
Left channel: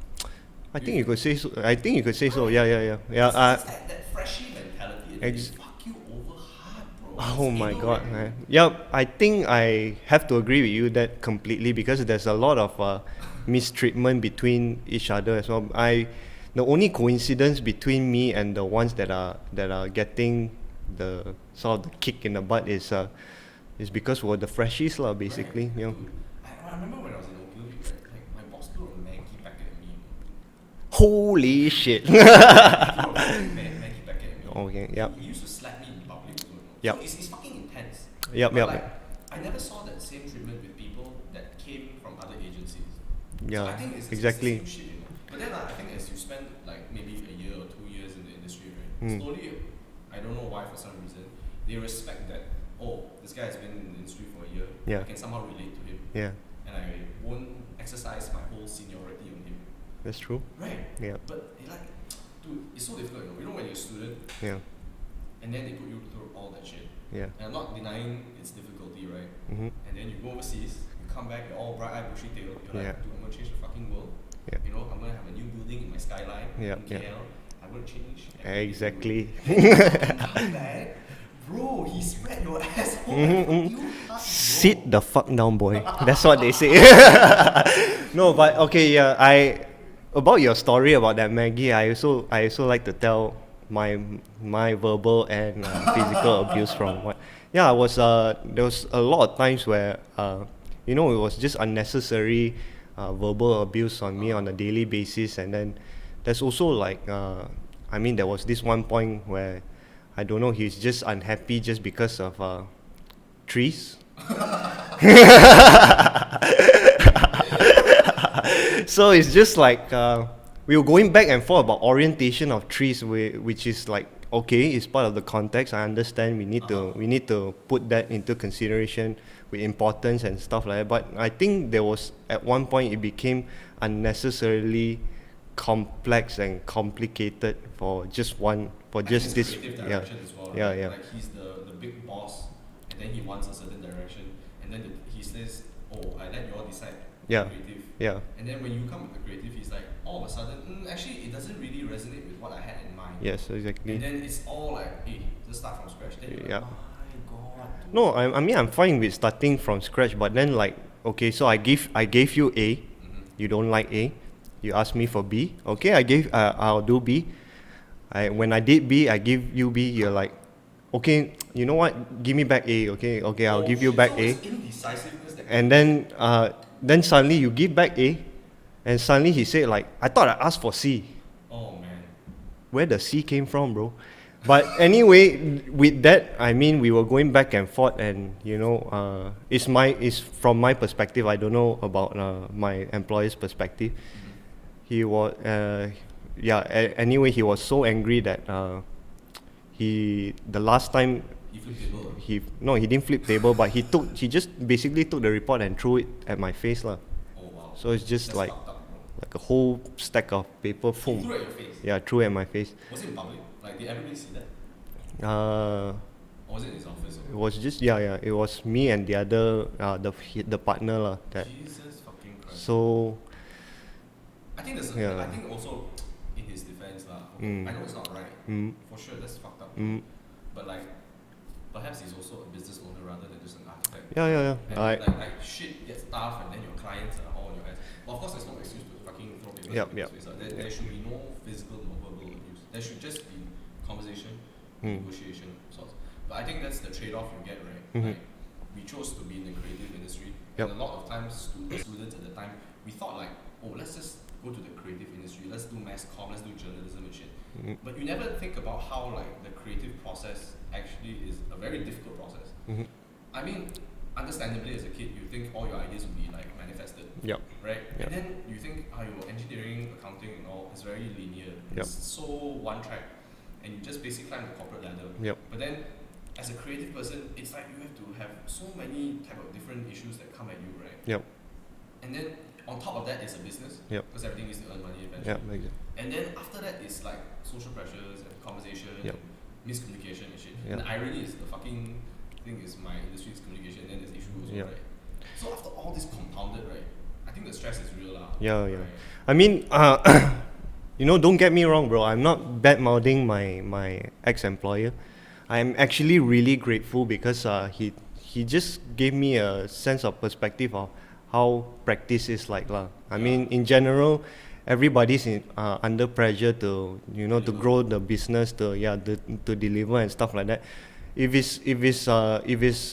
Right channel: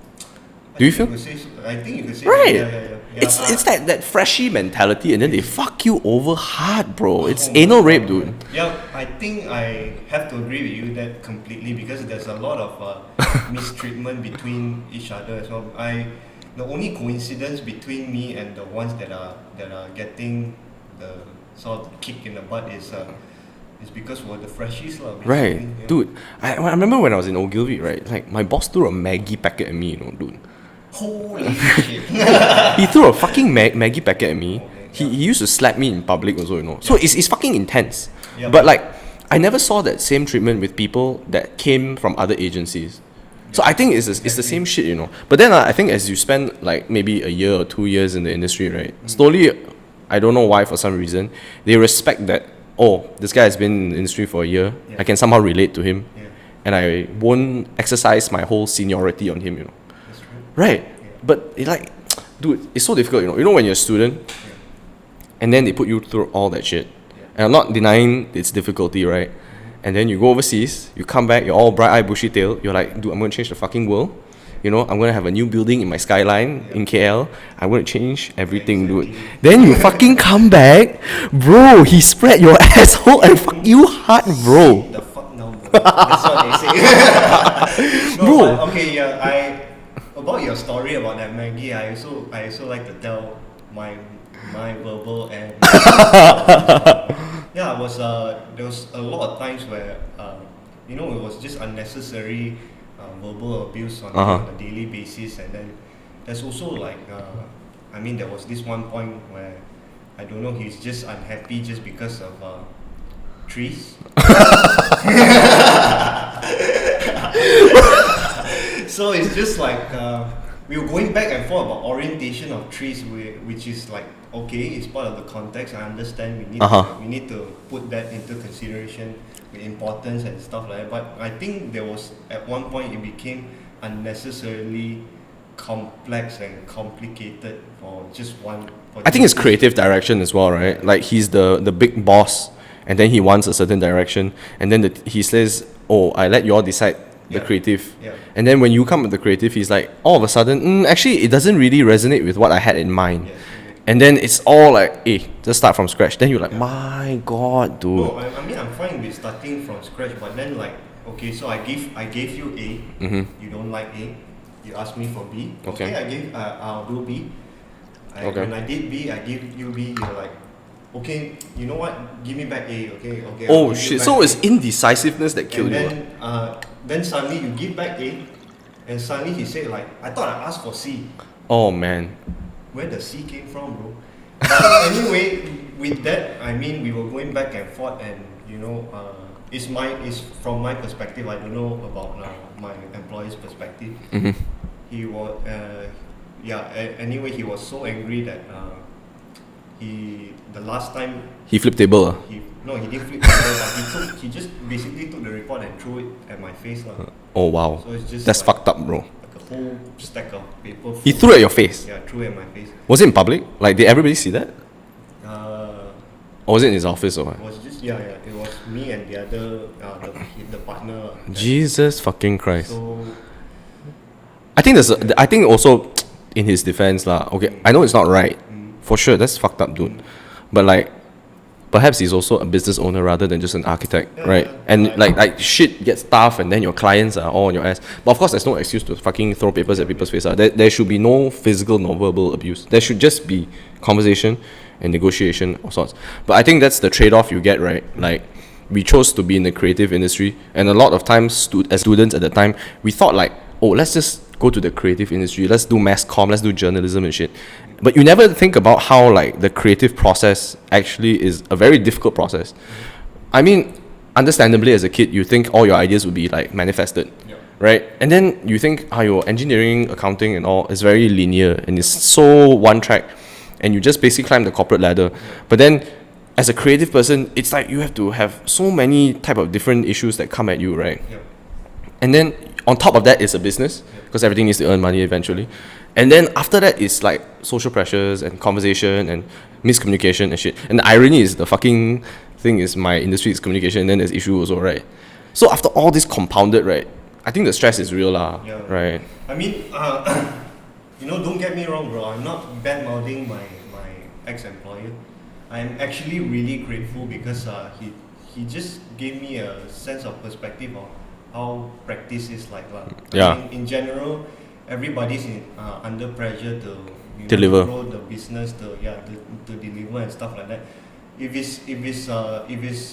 Do you feel? I think you could say Right. so. Yeah. It's that freshie mentality, and then they fuck you over hard, bro. It's Oh my anal God, rape, dude. man. Yeah, I think I have to agree with you that completely, because there's a lot of mistreatment between each other as well. The only coincidence between me and the ones that are getting the sort of kick in the butt is it's because we're the freshies lah, basically. Right, you know. dude. I remember when I was in Ogilvy, right? Like my boss threw a Maggie packet at me, you know, dude. Holy shit. He threw a fucking Maggie packet at me. Okay, He, yeah. he used to slap me in public also, you know. So Yeah. it's fucking intense. Yeah, but yeah. like, I never saw that same treatment with people that came from other agencies. So Yeah, I think it's the exactly. same shit, you know. But then I think as you spend like maybe a year or 2 years in the industry, right? Mm. Slowly, I don't know why, for some reason, they respect that, oh, this guy has been in the industry for a year. Yeah. I can somehow relate to him. Yeah, And I won't exercise my whole seniority on him, you know. that's true. Right. Yeah. But it like, dude, it's so difficult, you know. You know when you're a student Yeah, and then they put you through all that shit. yeah. And I'm not denying its difficulty, right? And then you go overseas, you come back, you're all bright-eyed, bushy-tailed. You're like, dude, I'm going to change the fucking world. Yeah. You know, I'm going to have a new building in my skyline Yeah. in KL. I'm going to change everything, dude. Exactly. Then you fucking come back, bro, he spread your asshole and fuck you hard, bro. Sit the fuck down, boy. That's what they say. No, Bro. but okay, yeah. About your story about that Maggie, I also like to tell my verbal and abuse from. Yeah, I was there was a lot of times where you know, it was just unnecessary verbal abuse on me on a daily basis, and then there's also like I mean, there was this one point where I don't know, he's just unhappy just because of trees. So it's just like we were going back and forth about orientation of trees, which is like, okay, it's part of the context. I understand we need to put that into consideration with importance and stuff like that. But I think there was at one point it became unnecessarily complex and complicated for just one. I think it's creative direction as well, right? Yeah. Like he's the big boss, and then he wants a certain direction, and then he says, "Oh, I let you all decide the Yeah. creative." Yeah. And then when you come with the creative, he's like, all of a sudden, actually, it doesn't really resonate with what I had in mind. Yes, exactly. And then it's all like, hey, just start from scratch. Then you're like, Yeah. my God, dude. No, I mean, I'm fine with starting from scratch, but then like, okay, so I gave you A, you don't like A, you asked me for B, okay, I'll do B. Okay. When I did B, I give you B, you're like, okay, you know what, give me back A, okay, I'll Oh give you shit! back So A. it's indecisiveness that killed And you. then suddenly you give back A, and suddenly he said like, I thought I asked for C. Oh man. Where the C came from, bro? But anyway, with that, I mean, we were going back and forth, and you know, it's from my perspective. I don't know about my employer's perspective. He was, anyway, he was so angry that the last time He flipped table. he didn't flip paper, but he just basically took the report and threw it at my face, lah. Oh wow. So it's just That's like, fucked up, bro. like a whole stack of paper. He full. threw at your face. Yeah, threw at my face. Was it in public? Like, did everybody see that? Uh, Or was it in his office or what? It was just it was me and the other the partner lah. Jesus fucking Christ. So I think Yeah. I think also in his defense lah. Okay, I know it's not right. For sure, that's fucked up, dude. But like, perhaps he's also a business owner rather than just an architect, Yeah, right? yeah. And like shit gets tough, and then your clients are all on your ass. But of course, there's no excuse to fucking throw papers at people's face. There should be no physical nor verbal abuse. There should just be conversation and negotiation of sorts. But I think that's the trade-off you get, right? Like, we chose to be in the creative industry, and a lot of times, as students at the time, we thought like, oh, let's just go to the creative industry. Let's do mass comm. Let's do journalism and shit. But you never think about how like the creative process actually is a very difficult process. I mean, understandably, as a kid, you think all your ideas would be like manifested, Yep. right? And then you think how your engineering, accounting, and all is very linear and it's so one track, and you just basically climb the corporate ladder. But then, as a creative person, it's like you have to have so many type of different issues that come at you, right? Yep. And then on top of that is a business, Yep. because everything needs to earn money eventually. And then after that is like social pressures and conversation and miscommunication and shit. And the irony is the fucking thing is my industry is communication, and then there's issue also, right? So after all this compounded, right, I think the stress is real lah, Yeah. right? I mean, you know, don't get me wrong, bro. I'm not bad mouthing my ex-employer. I'm actually really grateful because he just gave me a sense of perspective of how practice is like lah. I mean, in general, everybody's under pressure to Deliver. to grow the business, to deliver and stuff like that. If it's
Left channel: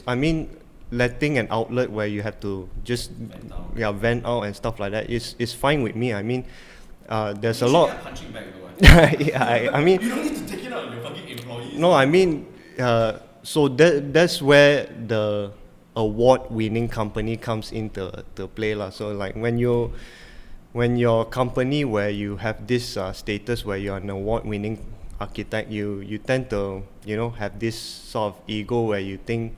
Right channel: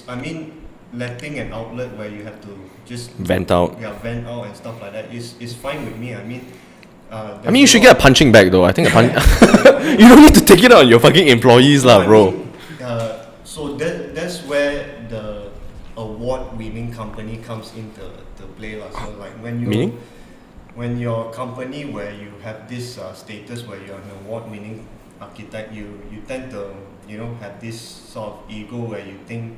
I mean, letting an outlet where you have to just Vent out. vent out and stuff like that is fine with me. I mean, I mean, you should get a punching bag though. I think I mean, you don't need to take it out on your fucking employees, lah, I bro. mean, so that's where the award-winning company comes into play, lah. So like Meaning? when your company where you have this status where you're an award-winning architect, you tend to have this sort of ego where you think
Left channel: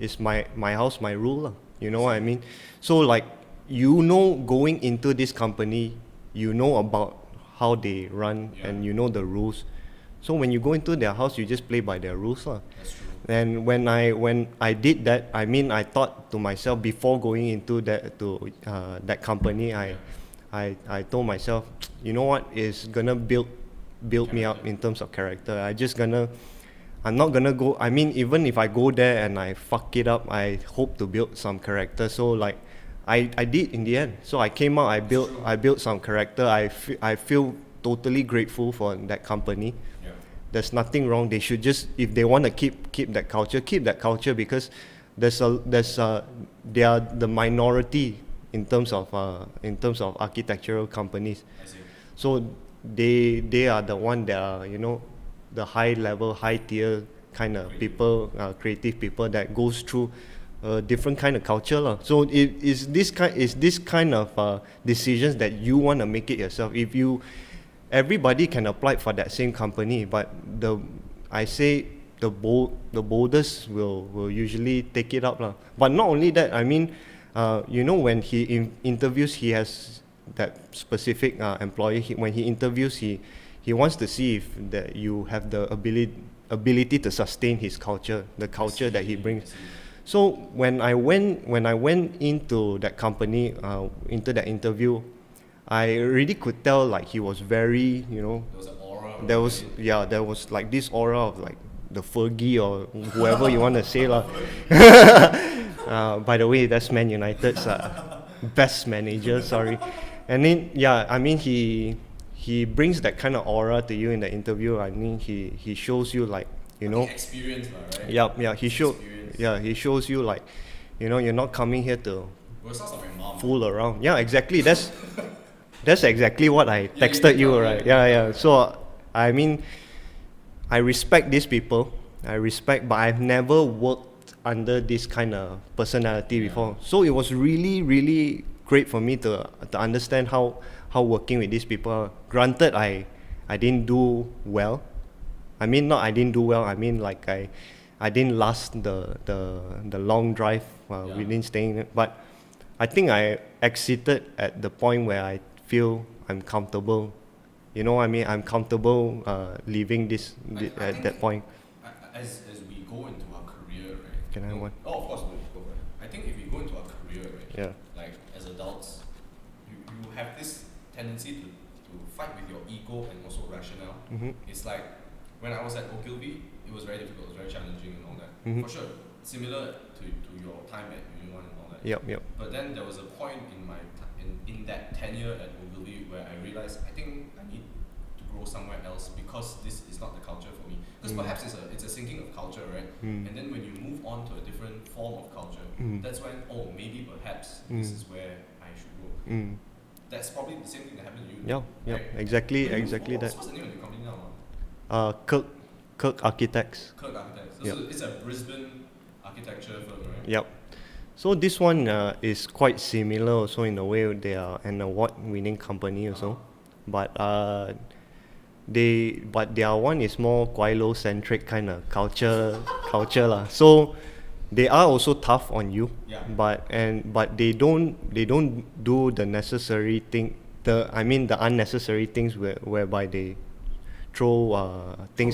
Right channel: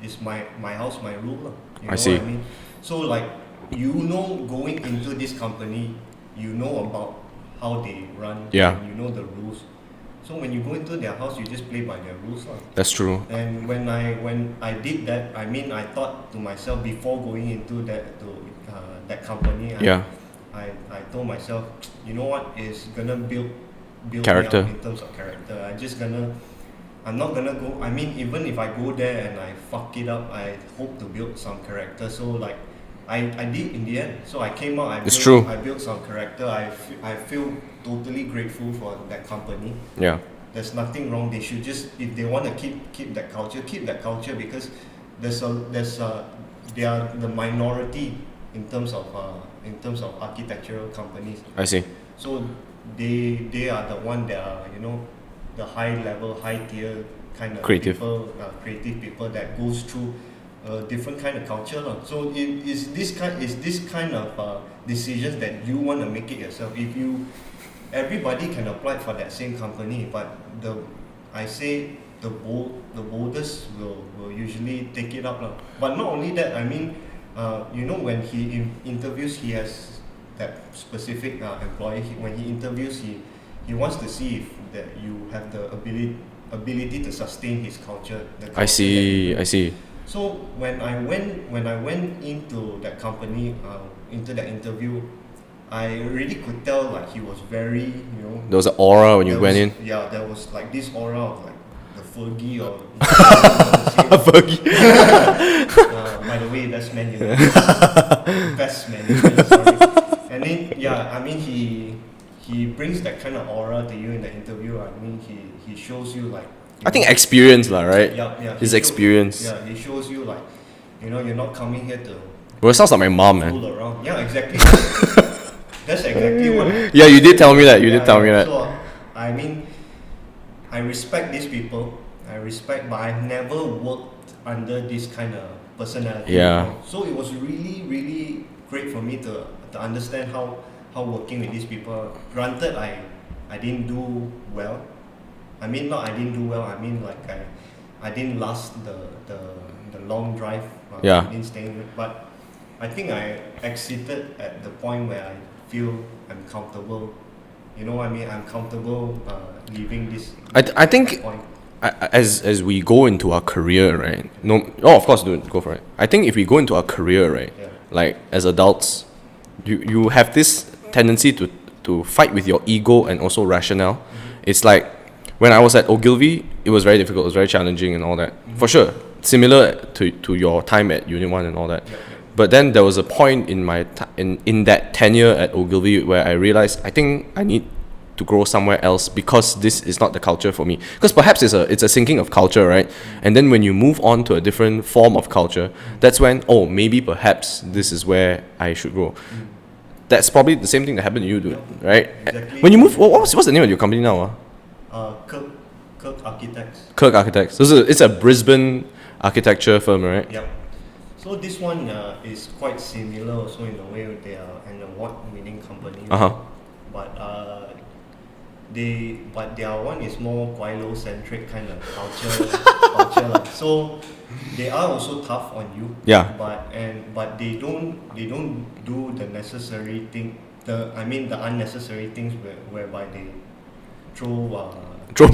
it's my house, my rule, lah. You know what I mean? So like going into this company, you know about how they run, and you know the rules. So when you go into their house, you just play by their rules, lah. That's true. And when I did that, I mean, I thought to myself before going into that company, I told myself, you know what, is gonna build character. me up in terms of character. I'm not gonna go. I mean, even if I go there and I fuck it up, I hope to build some character. So like, I did in the end. So I came out. I built some character. I feel totally grateful for that company. Yeah. There's nothing wrong. They should just, if they want to keep that culture, because they are the minority in terms of architectural companies. I see. So they are the one that are the high level, high tier kind of creative people that goes through a different kind of culture, lah. So it is this kind of decisions that you want to make it yourself. Everybody can apply for that same company, but the boldest will usually take it up, lah. But not only that, I mean, when he interviews, he has that specific employee. When he interviews, he wants to see if that you have the ability to sustain his culture, the culture that he brings. I see. So when I went into that company, into that interview, I really could tell like he was very, There was an aura when you went in. Yeah, there was like this aura of like the Fergie or whatever you want to say. Fergie. By the way, that's Man United's best manager. Sorry. And then I mean he brings that kind of aura to you in the interview. I mean he shows you like. I think experience, lah, right? Yeah. His experience. Yeah, he shows you like, you're not coming here to. Well, it sounds like my mom, man. Fool around. Yeah, exactly. That's exactly what I. Yeah, you did tell me that. You did tell me that. So, I mean, I respect these people. But I've never worked under this kind of personality before. So it was really, really great for me to understand how working with these people. Granted, I didn't do well. I mean, not I didn't do well. I mean, like I didn't last the long drive. I didn't stay. But I think I exited at the point where I feel I'm comfortable. You know what I mean? I'm comfortable leaving this. I think that point. As we go into our career, right? Of course, go for it. I think if we go into our career, right? Yeah. Like as adults, you have this tendency to fight with your ego and also rationale. Mm-hmm. It's like when I was at Ogilvy, it was very difficult. It was very challenging and all that. Mm-hmm. For sure, similar to your time at Unit 1 and all that. Yep. But then there was a point in my in that tenure at Ogilvy where I realized I think I need to grow somewhere else because this is not the culture for me. Because perhaps it's a sinking of culture, right? And then when you move on to a different form of culture, that's when maybe perhaps this is where I should grow. That's probably the same thing that happened to you, dude, right? Exactly. When you move, what's the name of your company now? Kirk Architects. Kirk Architects. So it's a Brisbane architecture firm, right? Yep. So this one is quite similar also in a way. They are an award-winning company. But their one is more Guilo-centric kind of culture lah. So they are also tough on you. Yeah. But they don't do the necessary thing. The unnecessary things whereby they throw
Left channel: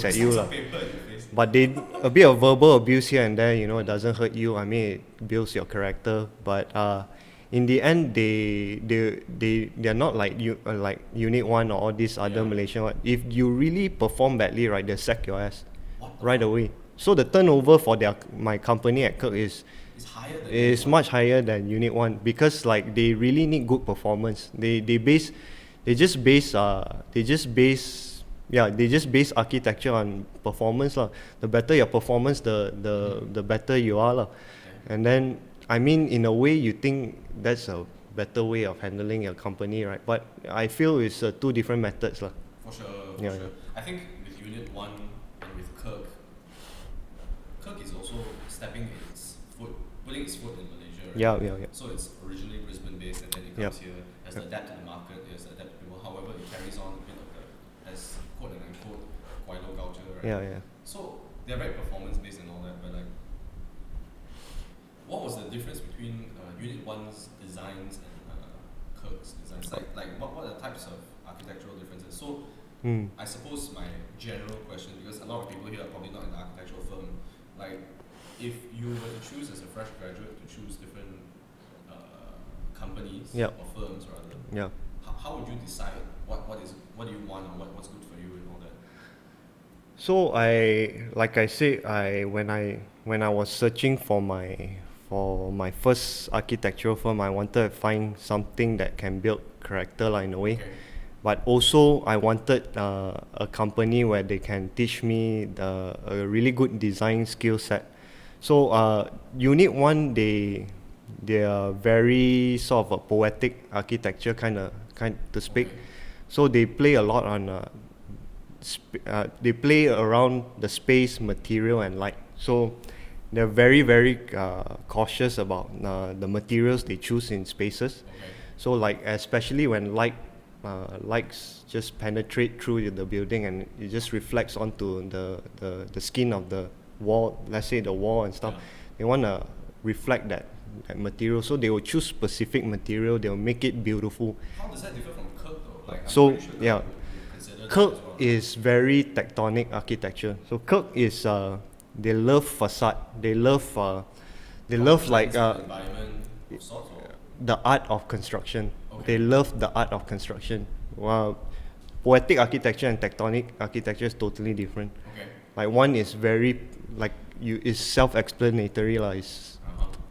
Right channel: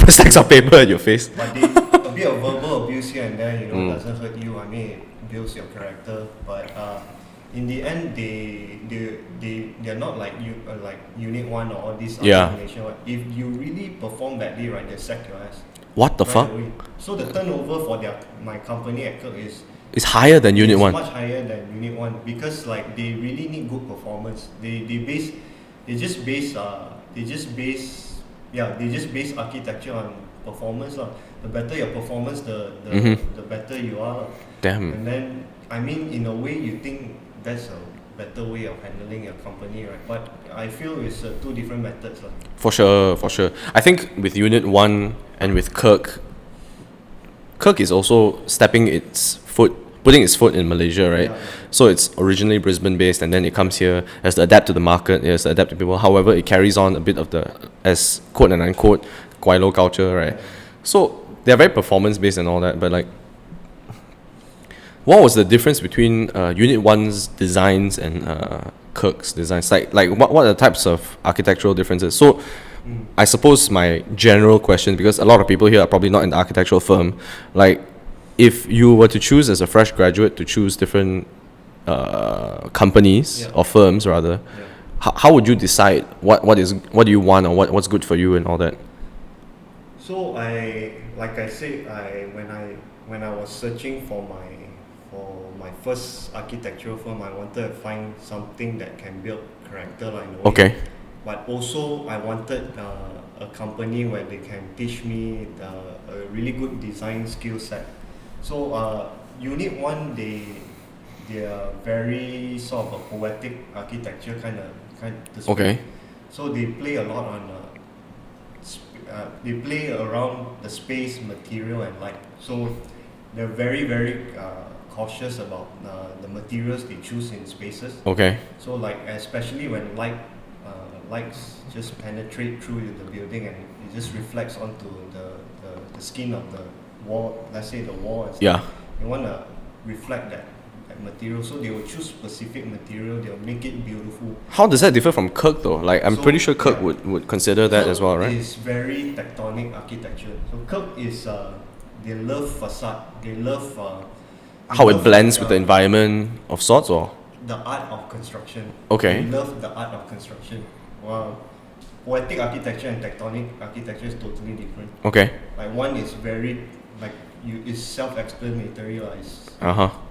stacks of paper at your face. But they a bit of verbal abuse here and there. It doesn't hurt you. I mean, it builds your character. But in the end, they're not like Unit 1 or all these other Malaysian one. If you really perform badly, right, they sack your ass. What the right fuck? Away. So the turnover for my company at Kirk is higher than Unit 1. It's much higher than Unit 1 because like they really need good performance. They just base architecture on performance lah. The better your performance, the better you are lah. Damn. And then, I mean, in a way, you think that's a better way of handling your company, right? But I feel it's two different methods, lah. For sure. I think with Unit 1 and with Kirk is also putting its foot in Malaysia, right? Yeah. So it's originally Brisbane based, and then it comes here, has to adapt to the market, it has to adapt to people. However, it carries on a bit of the, as quote and unquote, Guaylo culture, right? Yeah. So they're very performance based and all that, but like, what was the difference between Unit 1's designs and Kirk's designs? Like what are the types of architectural differences? So I suppose my general question, because a lot of people here are probably not in the architectural firm, like if you were to choose as a fresh graduate to choose different companies or firms rather, how would you decide what do you want or what's good for you and all that? So like I said, when I was searching for my first architectural firm, I wanted to find something that can build character, like, in a way. Okay. But also I wanted a company where they can teach me a really good design skill set. So Unit 1, they are very sort of a poetic architecture kind to speak. Okay. So they play a lot on they play around the space, material and light. So they're very, very cautious about the materials they choose in spaces. Okay. So like, especially when lights just penetrate through the building and it just reflects onto the skin of the wall, let's say the wall and stuff. Yeah. They want to reflect that material, so they will choose specific material, they will make it beautiful. How does that differ from Kirk though? Like I'm pretty sure Kirk would consider that Kirk as well, right? is very tectonic architecture. So Kirk is they love facade, they love how it blends with the environment of sorts, or the art of construction. Okay. They love the art of construction. Wow. Poetic architecture and tectonic architecture is totally different. okay. Like one is very it's self-explanatory lah. It's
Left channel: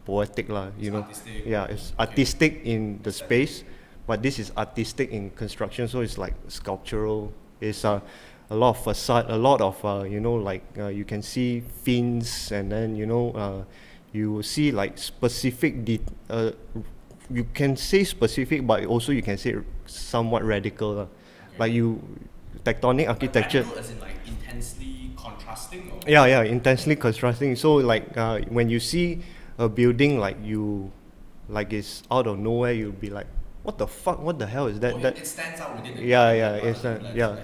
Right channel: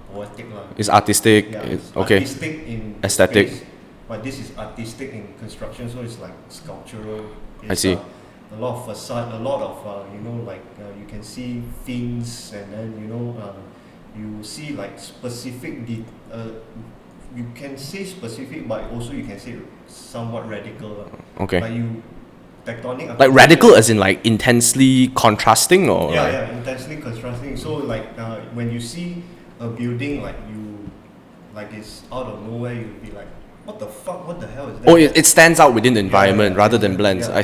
poetic lah. It's artistic. Yeah, it's okay. artistic in the Aesthetic. space, but this is artistic in construction. So it's like sculptural. It's, I see. A lot of facade, a lot of you can see fins, and then you see like specific. You can say specific, but also you can say somewhat radical lah. Okay. Like tectonic Like architecture. radical as in like intensely contrasting, or Yeah, intensely contrasting. So like when you see a building like it's out of nowhere, you'll be like, what the fuck? What the hell is that? Oh, it stands out within the environment rather than exactly, blends. yeah. I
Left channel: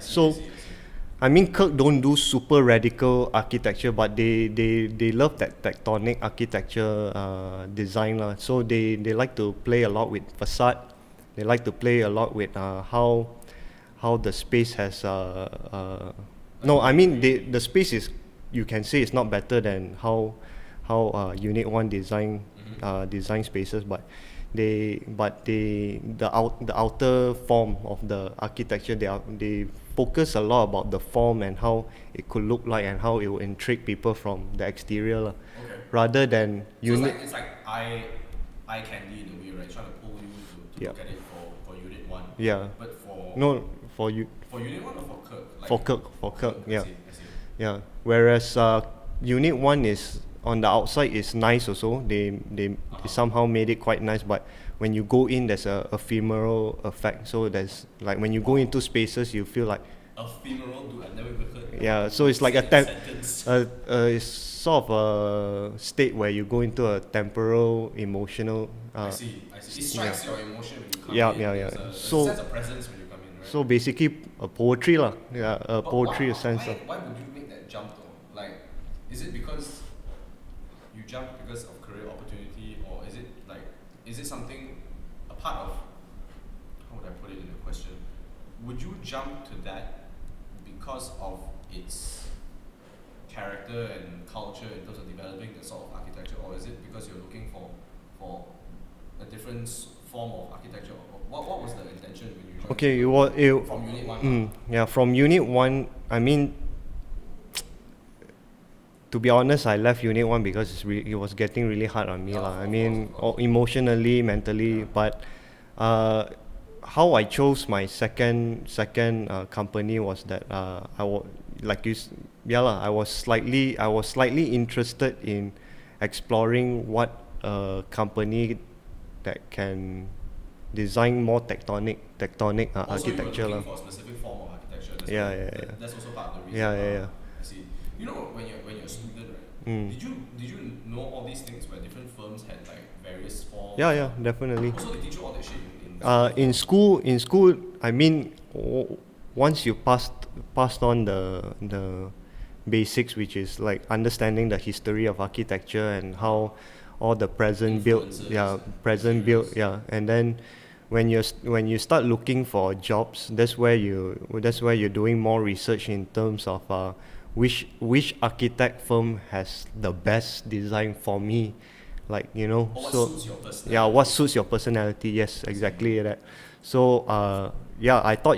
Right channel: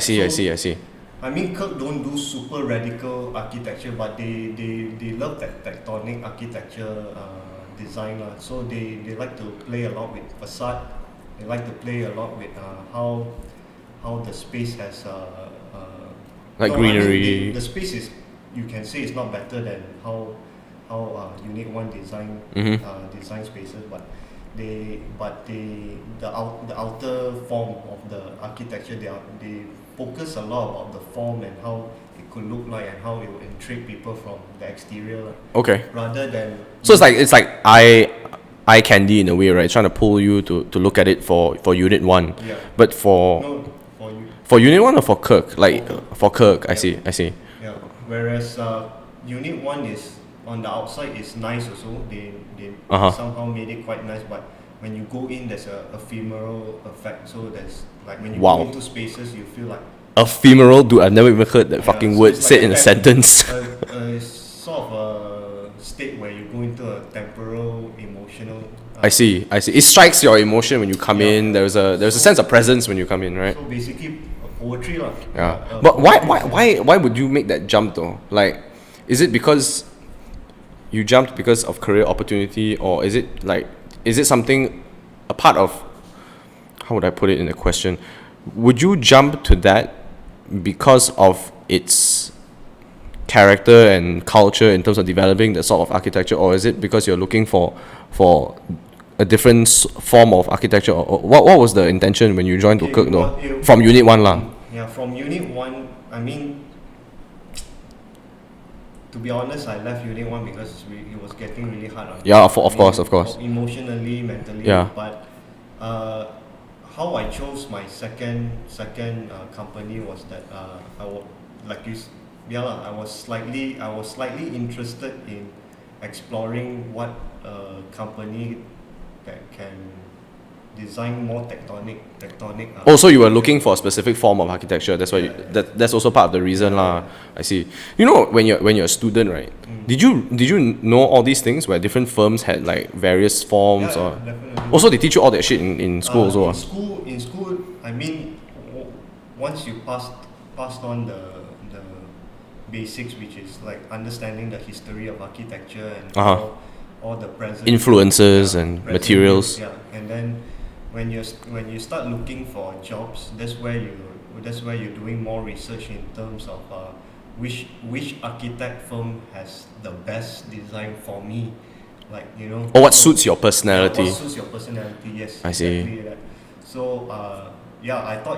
see. So, I mean, Kirk don't do super radical architecture, but they love that tectonic architecture design lah. So they like to play a lot with facade. They like to play a lot with how the space has Like no, I greenery. mean the space is, you can say it's not better than how Unit 1 design design spaces, but the outer form of the architecture, they focus a lot about the form and how it could look like and how it will intrigue people from the exterior Okay. rather than So it's like eye candy in a way, right? Trying to pull you to look at it for Unit 1. Yeah. But for Unit 1 or for Kirk? Like for Kirk, I Yeah. see. Yeah. Whereas Unit 1 is on the outside is nice also. They somehow made it quite nice, but when you go in, there's a ephemeral effect. So there's like when you Wow. go into spaces, you feel like Ephemeral, dude. I've never even heard that fucking so word it's like said in a sentence. it's sort of a state where you go into a temporal emotional. I see. It strikes your emotion when you come Yeah, in. yeah. There's a So- sense of presence when you come in, right? So basically, a poetry lah. Yeah. A But poetry sense. why would you make that jump though? Like, is it because you jumped because of career opportunity, or is it something a part of, how would I put it in a question? Would you jump to that because of its character and culture in terms of developing that sort of architecture, or is it because you're looking for a different form of architecture, or what was the intention when you joined Okay, Kirk though? it- From Unit 1 lah. Yeah, from Unit 1, I mean, to be honest, I left Unit 1 because it was getting really hard on me. Yeah, I of course. Emotionally, mentally. Yeah. But how I chose my second company was that I was slightly interested in exploring what a company that can design more tectonic. Oh, so you were architecture. looking for a specific form of architecture. That's why Yeah, yeah, that's also part of the reason Yeah, lah. yeah. I see. You know, when you're a student, right? Did you know all these things where different firms had like various forms Yeah, or definitely. also they teach you all that shit in school also. In school, I mean, once you passed on the basics, which is like understanding the history of architecture and all the present Influences and present materials. build, and then when you start looking for jobs, that's where you're doing more research in terms of which architect firm has the best design for me, like Or what suits your personality. yeah, what suits your personality? Yes, I see. exactly that. So I thought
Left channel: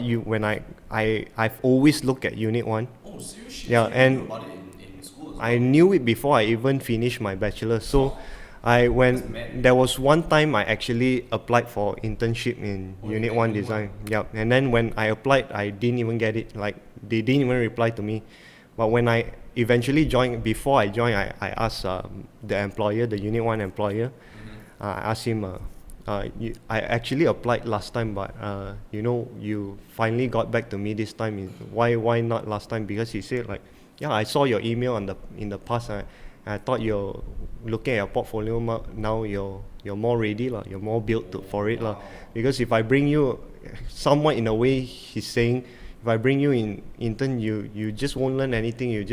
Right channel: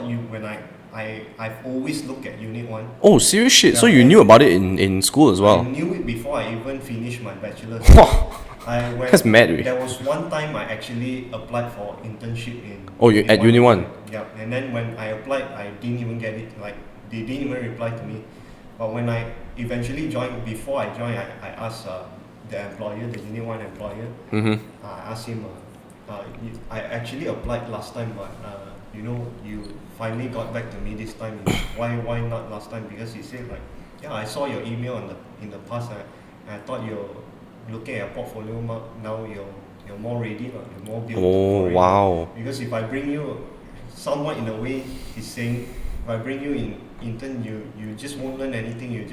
I've always looked at Unit 1. Oh, serious shit. Yeah, So you and knew about it in school as well. I knew it before I even finished my bachelor's. That's mad, really. There was one time I actually applied for internship in at Unit 1? design. Yeah, and then when I applied, I didn't even get it. Like they didn't even reply to me. But when I eventually joined, before I joined, I asked the employer, the Unit 1 employer. I asked him. I actually applied last time, but you finally got back to me this time. Why not last time? Because he said like, yeah, I saw your email in the past. I thought you're looking at your portfolio now. You're more ready, like you're more built for it. Wow. Because if I bring you, somewhat in a way, he's saying, if I bring you in intern, you just won't learn anything. You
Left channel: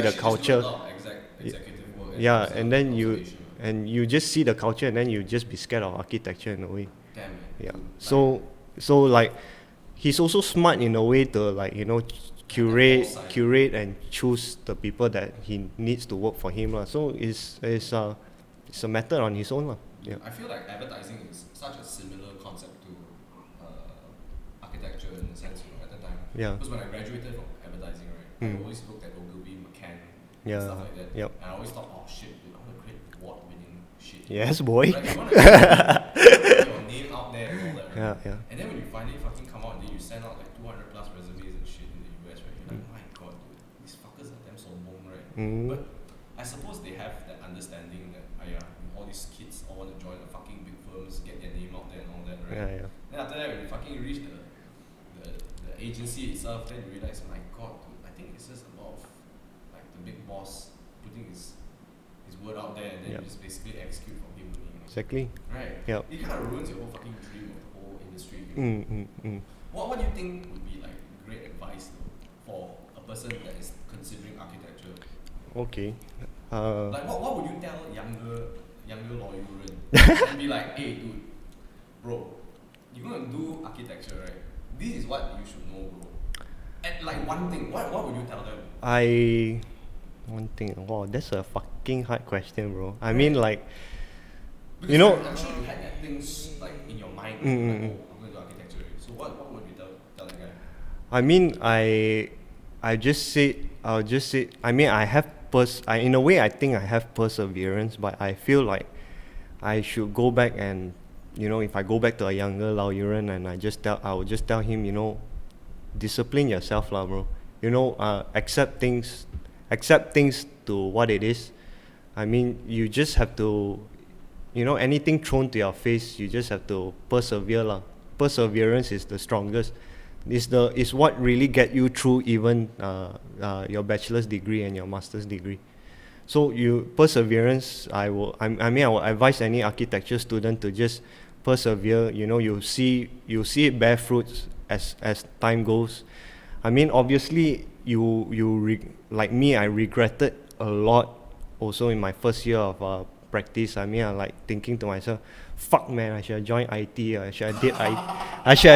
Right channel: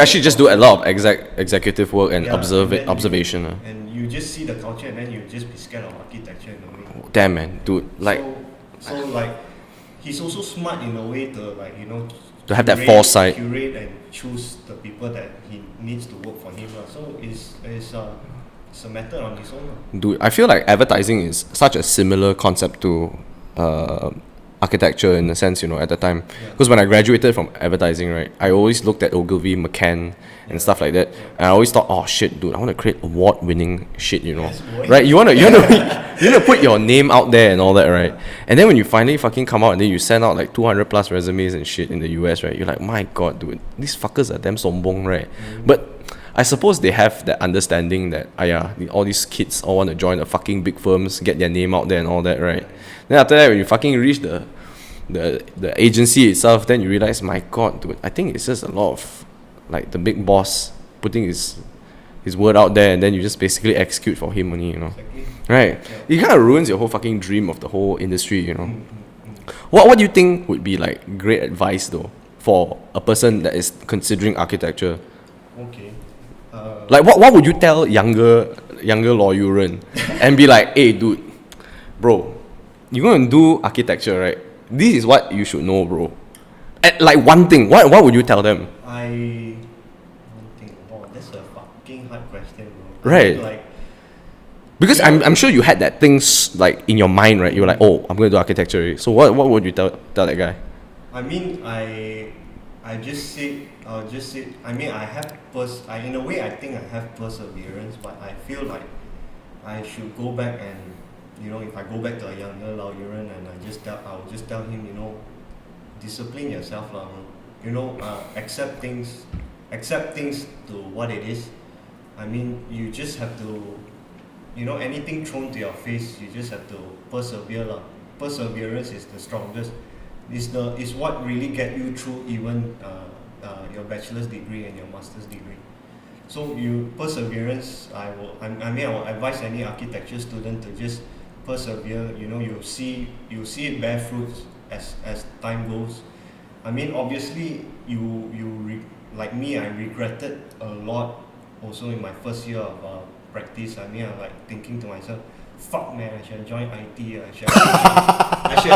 actually just do a lot of executive work and then observation. And you just see the culture, and then you just be scared of architecture in a way. Damn, man, dude. Like, so like, he's also smart in a way to like to have that foresight. curate and choose the people that he needs to work for him. So it's a matter on his own. Dude, I feel like advertising is such a similar concept to architecture in a sense, at the time. Because when I graduated from advertising, right, I always looked at Ogilvy, McCann, and stuff like that. And I always thought, oh shit, dude, I want to create award-winning shit, Yes, boy. right? You wanna put your name out there and all that, right? And then when you finally fucking come out and then you send out like 200 plus resumes and shit in the US, right? You're like, my god, dude, these fuckers are damn sombong, right? But I suppose they have that understanding that all these kids all want to join the fucking big firms, get their name out there and all that, right? Then after that, when you fucking reach the agency itself, then you realize, my god, dude, I think it's just a lot of like the big boss putting his word out there, and then you just basically execute for him only, Exactly. Right? It kind of ruins your whole fucking dream of the whole industry, What do you think would be like great advice though for a person that is considering architecture? Okay. Like what would you tell younger Law Yuren and be like, hey dude, bro, you're gonna do architecture, right? This is what you should know, bro. And like one thing, what would you tell them? One thing. Wow, that's a fucking hard question, bro. Right. I mean, like, Because I'm sure you had that things like in your mind, right? You're like, oh, I'm gonna do architecture. So what would you tell that guy? I mean, I'll just say, I mean, in a way, I think I have perseverance, but I feel like I should go back and, if I go back to a younger Lao Yuren and I would just tell him, discipline yourself, lah, bro. Accept things to what it is. I mean, you just have to, anything thrown to your face, you just have to persevere, lah. Perseverance is the strongest. Is what really get you through even your bachelor's degree and your master's degree. So perseverance, I will advise any architecture student to just persevere. You see it bear fruits as time goes. I mean, obviously like me, I regretted a lot also in my first year of practice. I mean, I like thinking to myself, fuck man, I should have joined IT. I should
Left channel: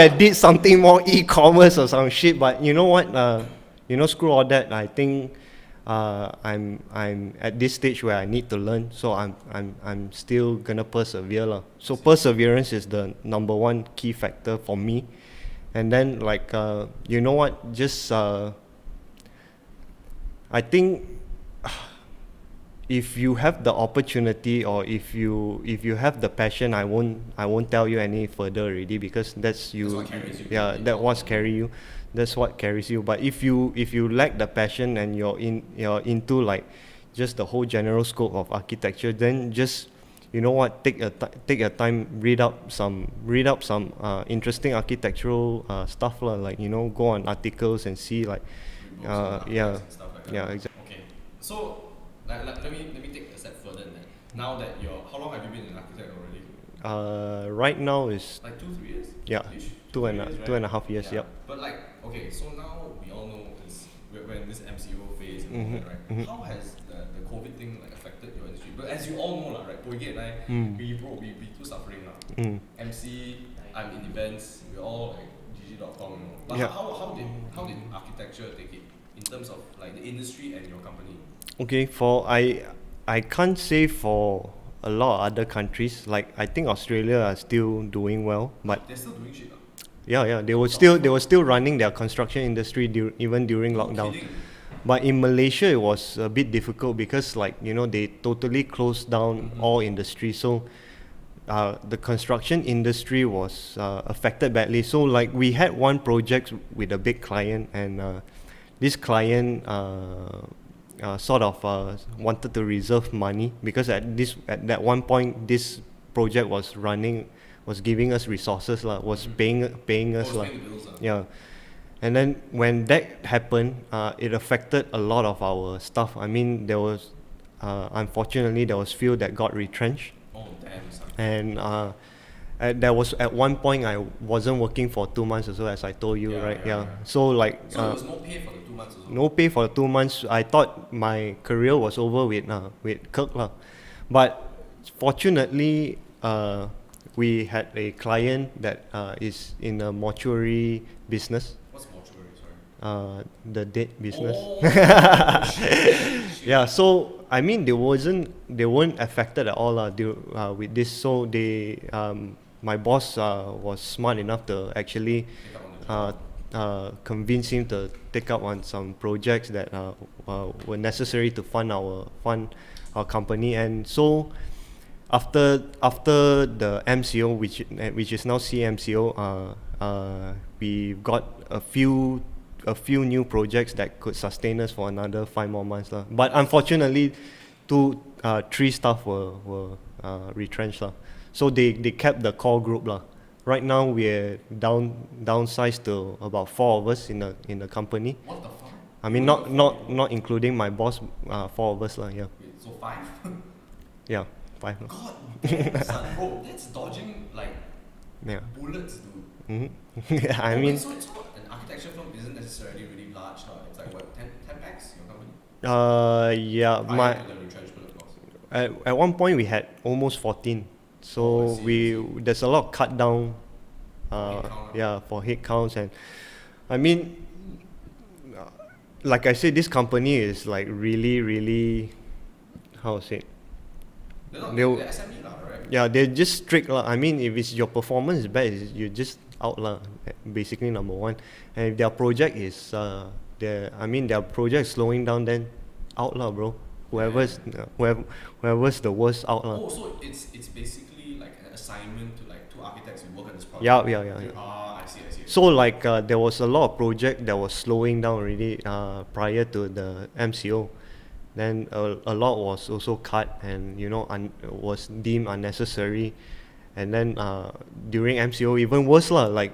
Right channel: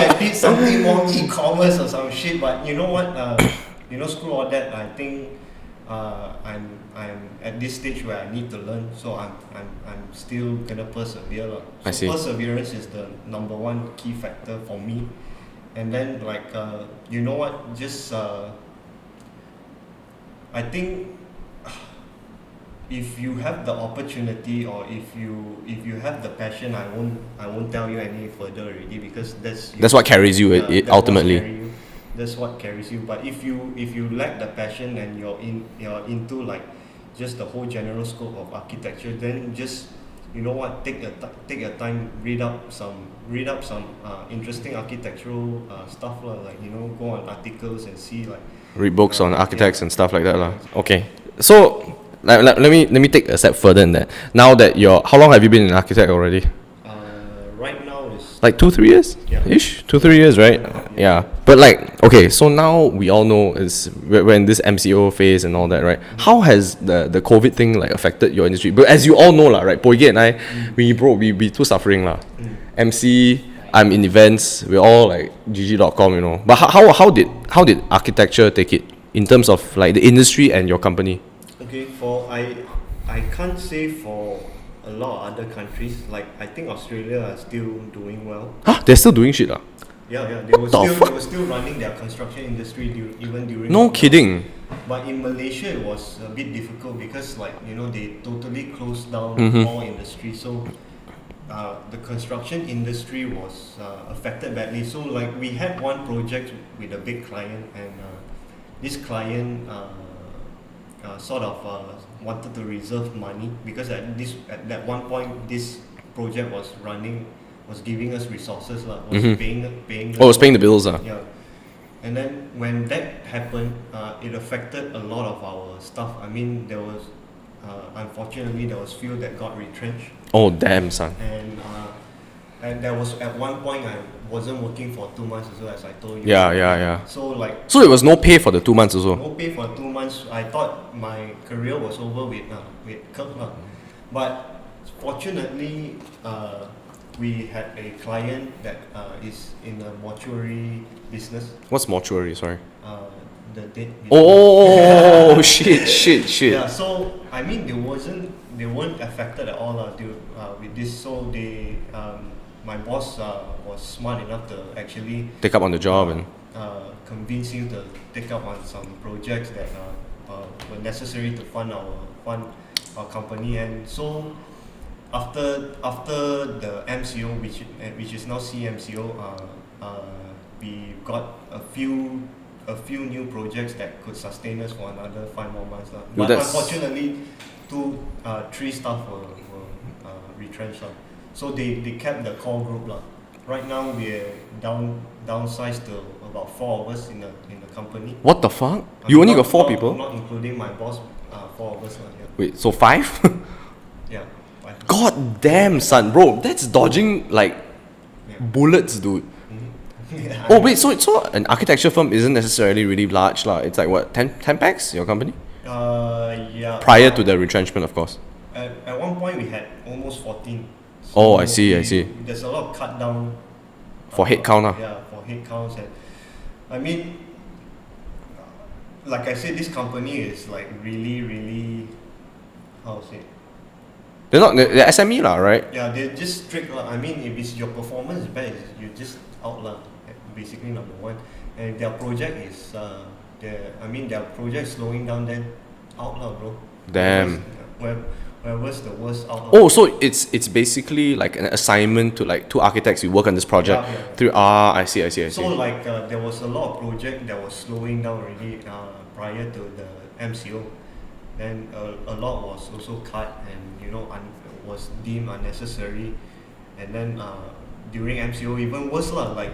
have did something more e-commerce or some shit. But you know what? Screw all that. I think I'm at this stage where I need to learn. So I'm still gonna persevere, lah. So perseverance is the number one key factor for me. And then like you know what? Just I think if you have the opportunity or if you have the passion, I won't tell you any further already, because that's what carries you that ultimately. what's carry you. That's what carries you. But if you lack the passion and you're into like just the whole general scope of architecture, then just, you know what, take your time, read up some interesting architectural stuff lah, like, you know, go on articles and see like Read books on architects yeah. and stuff like that. Yeah, lah. exactly. Okay. So let me take a step further in that. Now that how long have you been an architect already? Right now is Like 2-3 years? Yeah. Ish? 2-3 years, right? 2.5 years, Yeah. But like, okay, so now we all know we're in this MCO phase and all that, right? How has the COVID thing like affected your industry? But as you all know lah, right? Poige and I, we too suffering lah. MC, I'm in events, we're all like gg.com, you know. But how did architecture take it in terms of like the industry and your company? Okay, I can't say for a lot of other countries. Like, I think Australia are still doing well. Huh? They're still doing shit lah. Yeah, they What the fuck? they were still running their construction industry even during No lockdown. kidding. But in Malaysia, it was a bit difficult because, like, you know, they totally closed down all industry. So the construction industry was affected badly. So like, we had one project with a big client, and this client sort of wanted to reserve money because at that one point this project was giving us resources lah, was paying us. Oh, it's paying the bills lah. Yeah. And then when that happened, it affected a lot of our stuff. I mean, there was unfortunately there was few that got retrenched, Oh damn, son. and there was at one point I wasn't working for 2 months as well, as I told you. Yeah. So like, So it was no pay for the 2 months also. no pay for 2 months. I thought my career was over with Kirk lah. But fortunately, we had a client that is in the mortuary business, What's mortuary? Sorry. the dead business. Oh shit. Yeah, so I mean, they weren't affected at all with this. So they my boss was smart enough to actually Take up on the job and convince him to take up on some projects that were necessary to fund our company. And so after the MCO, which is now CMCO, we got a few new projects that could sustain us for another 5 more months lah. But that's- unfortunately, 3 staff were retrenched lah. So they kept the core group lah. Right now we're downsized to about 4 of us in the company. what the fuck? I You mean, only not- got 4 not- people? Not including my boss, 4 of us lah. Yeah, Wait, so 5? yeah, 5. God damn, son, bro, that's dodging like Yeah. bullets, dude. Yeah, I Oh mean, wait, so an architecture firm isn't necessarily really large lah. It's like what, 10 packs, your company? yeah. Prior but to the retrenchment, of course. at one point we had almost 14. Oh, I see. There's a lot of cut down For head count lah. Yeah, for head counts. And I mean, like I said, this company is like really, how to say, They're SME lah, right? yeah, they're just strict lah. I mean, if it's your performance is bad, you're just out lah. Basically, number one. And if their project is their project is slowing down, then out lah, bro. Damn. Wherever's the worst, out lah. Oh, so it's basically like an assignment to like 2 architects who work on this project. Yeah. I see. So like there was a lot of project that was slowing down already prior to the MCO. Then a lot was also cut, and you know, was deemed unnecessary. And then during MCO, even worse lah. Like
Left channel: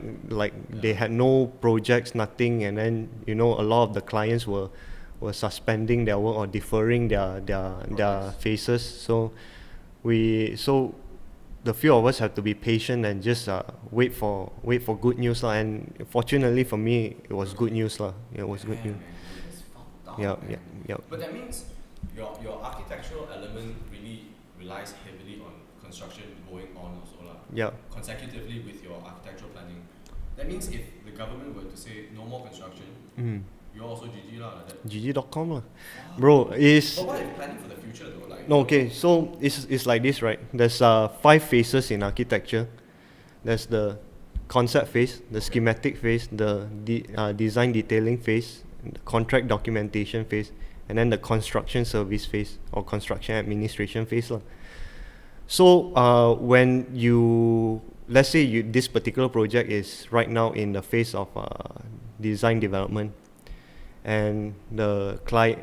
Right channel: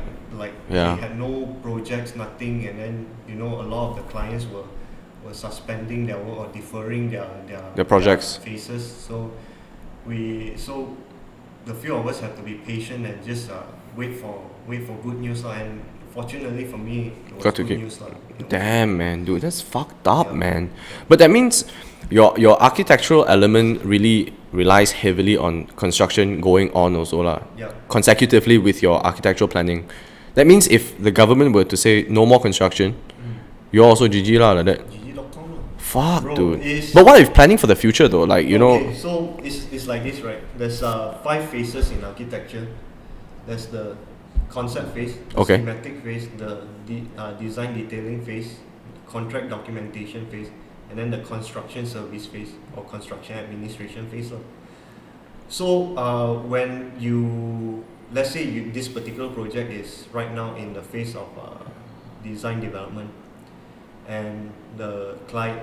Yeah. they had no projects, nothing. And then, you know, a lot of the clients were suspending their work or deferring their projects. phases. So the few of us have to be patient and just wait for good news lah. And fortunately for me, it was Got to good get- news lah. It was Damn, man, dude, that's fucked up, Yeah. man. Yeah. But that means your architectural element really relies heavily on construction going on also lah. Yeah. Consecutively with your architectural planning. That means if the government were to say no more construction, you're also GG lah like that. GG.com lah. Fuck, Bro, dude. is- But what if planning for the future though? Like you Okay, know, so it's like this, right? There's 5 phases in architecture. There's the concept phase, the Okay. schematic phase, the design detailing phase, the contract documentation phase, and then the construction service phase or construction administration phase lah. So when let's say this particular project is right now in the phase of design development, and the client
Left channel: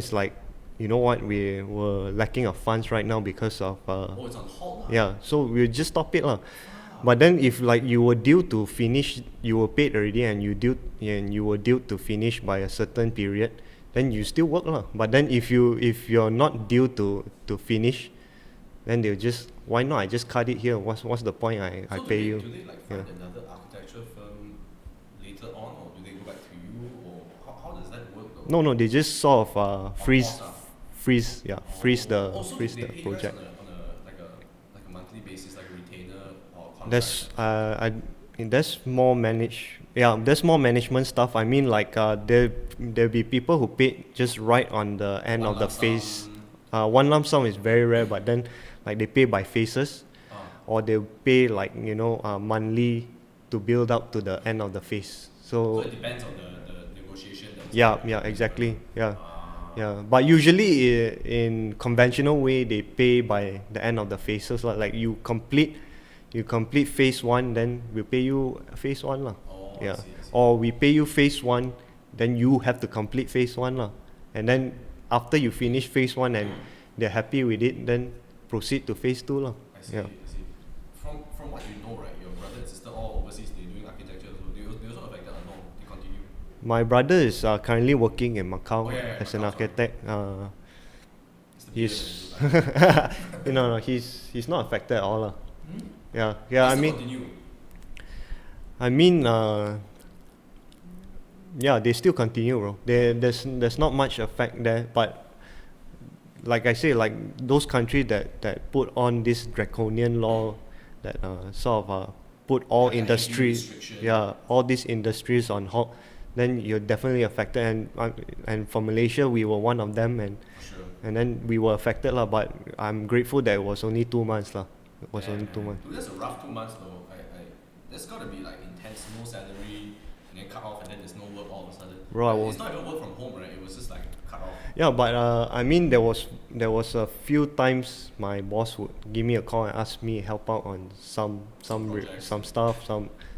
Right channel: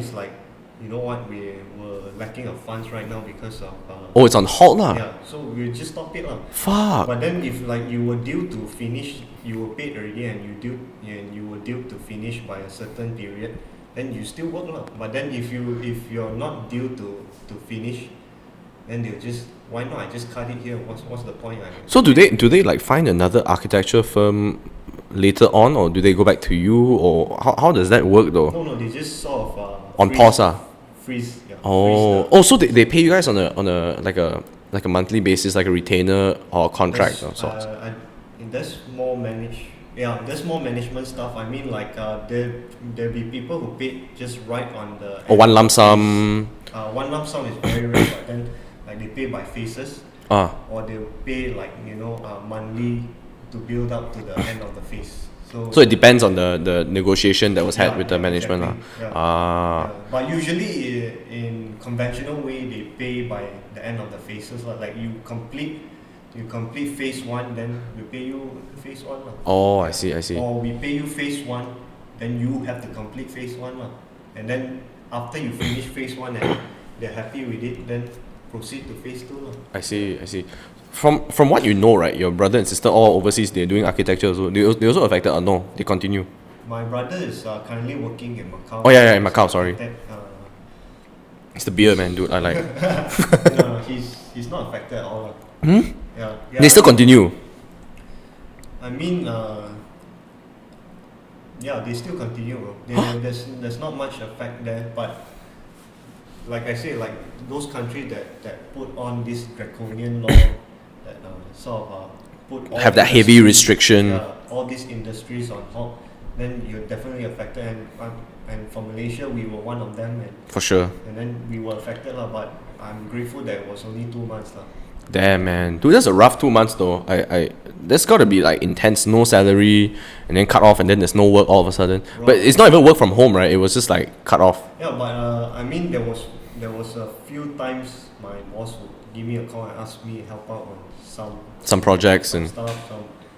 is like, you know what, we were lacking of funds right now because of Oh, it's on hold lah. yeah, so we'll just stop it lah. Fuck. But then if like you were due to finish, you were paid already, and you were due to finish by a certain period, then you still work lah. But then if you're not due to finish, then they'll just, why not I just cut it here? What's the point? So do they like find another architecture firm later on, or do they go back to you, or how does that work though? No, they just sort of On pause ah. freeze, yeah. Oh, freeze the, so they pay you guys on a like a monthly basis, like a retainer or a contract or something. there's more there's more management stuff. I mean, like there'll be people who pay just right on the Or end one of lump the sum. phase. One lump sum is very rare, but then like they pay by phases, or they'll pay like monthly to build up to the end of the phase. So it depends on the negotiation that was had with the management. exactly. Ah. Yeah. But usually in conventional way, they pay by the end of the phases. Like you complete phase 1, then we pay you phase 1 lah. Oh, Yeah. I see. Or we pay you phase 1, then you have to complete phase 1 lah. And then after you finish phase 1 and they're happy with it, then proceed to phase 2 lah. I see. From what you know, right, your brother and sister all overseas, they're doing architecture also. They also affected or no? They continue. My brother is currently working in Macau. Oh, yeah, in as Macau, an sorry. architect. It's the beer, man, dude. I like. No, he's not affected at all lah. Yeah. They still continue. I mean, yeah, they still continue, bro. There's not much effect there, but like I say, like those countries that put on this draconian law that sort of put all Have that heavy industries- restriction. Yeah, all these industries on halt, then you're definitely affected. And for Malaysia, we were one of them, For sure. and then we were affected lah. But I'm grateful that it was only 2 months lah. Damn, man. Dude, that's a rough 2 months though. That's gotta be like intense, no salary, and then cut off, and then there's no work all of a sudden. Bro. But it's not even work from home, right? It was just like cut off. Yeah, but I mean, there was a few times my boss would give me a call and ask me help out on some projects some and stuff,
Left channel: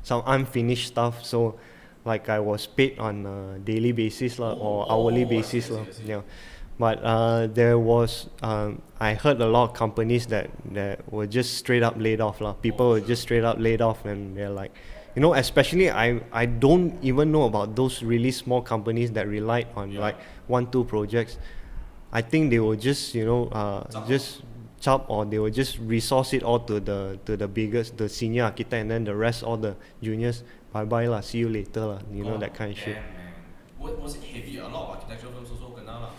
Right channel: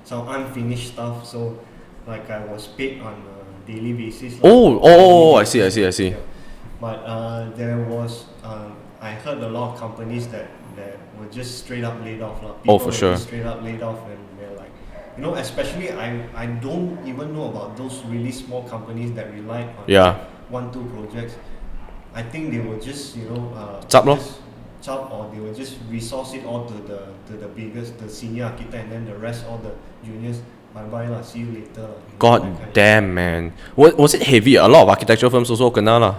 some unfinished stuff. So, like I was paid on a daily basis. Like, Oh, or hourly I see. basis, yeah. But there was I heard a lot of companies that were just straight up laid off lah. People for were sure. just straight up laid off, and they're like, especially I don't even know about those really small companies that relied on Yeah. like 1-2 projects. I think they will just Chap lor. just chop, or they will just resource it all to the biggest, the senior architect, and then the rest all the juniors. Bye lah, see you later lah. God that kind. damn, man. Was it heavy? A lot of architecture firms also kena lah.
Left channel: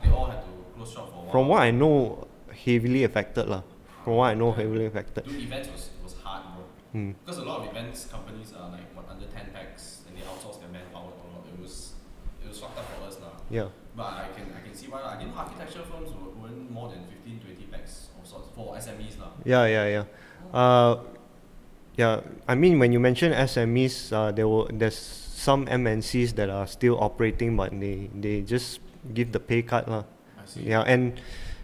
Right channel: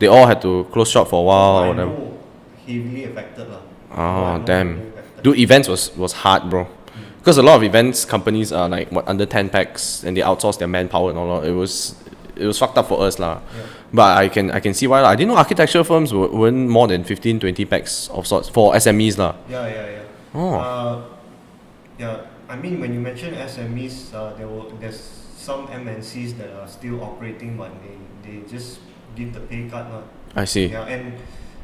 They all had to close shop for a From while. what I or whatever. know, heavily affected lah. From what I Oh, know, damn. heavily affected. Dude, events was hard, bro. Because a lot of events companies are like under 10 packs, and they outsource their manpower and all that. It was fucked up for us lah. Yeah. But I can see why lah. I didn't know architecture firms weren't more than 15-20 packs of sorts for SMEs lah. Yeah. Oh. Yeah. I mean, when you mention SMEs, there's some MNCs that are still operating, but they just give the pay cut lah. I see. Yeah,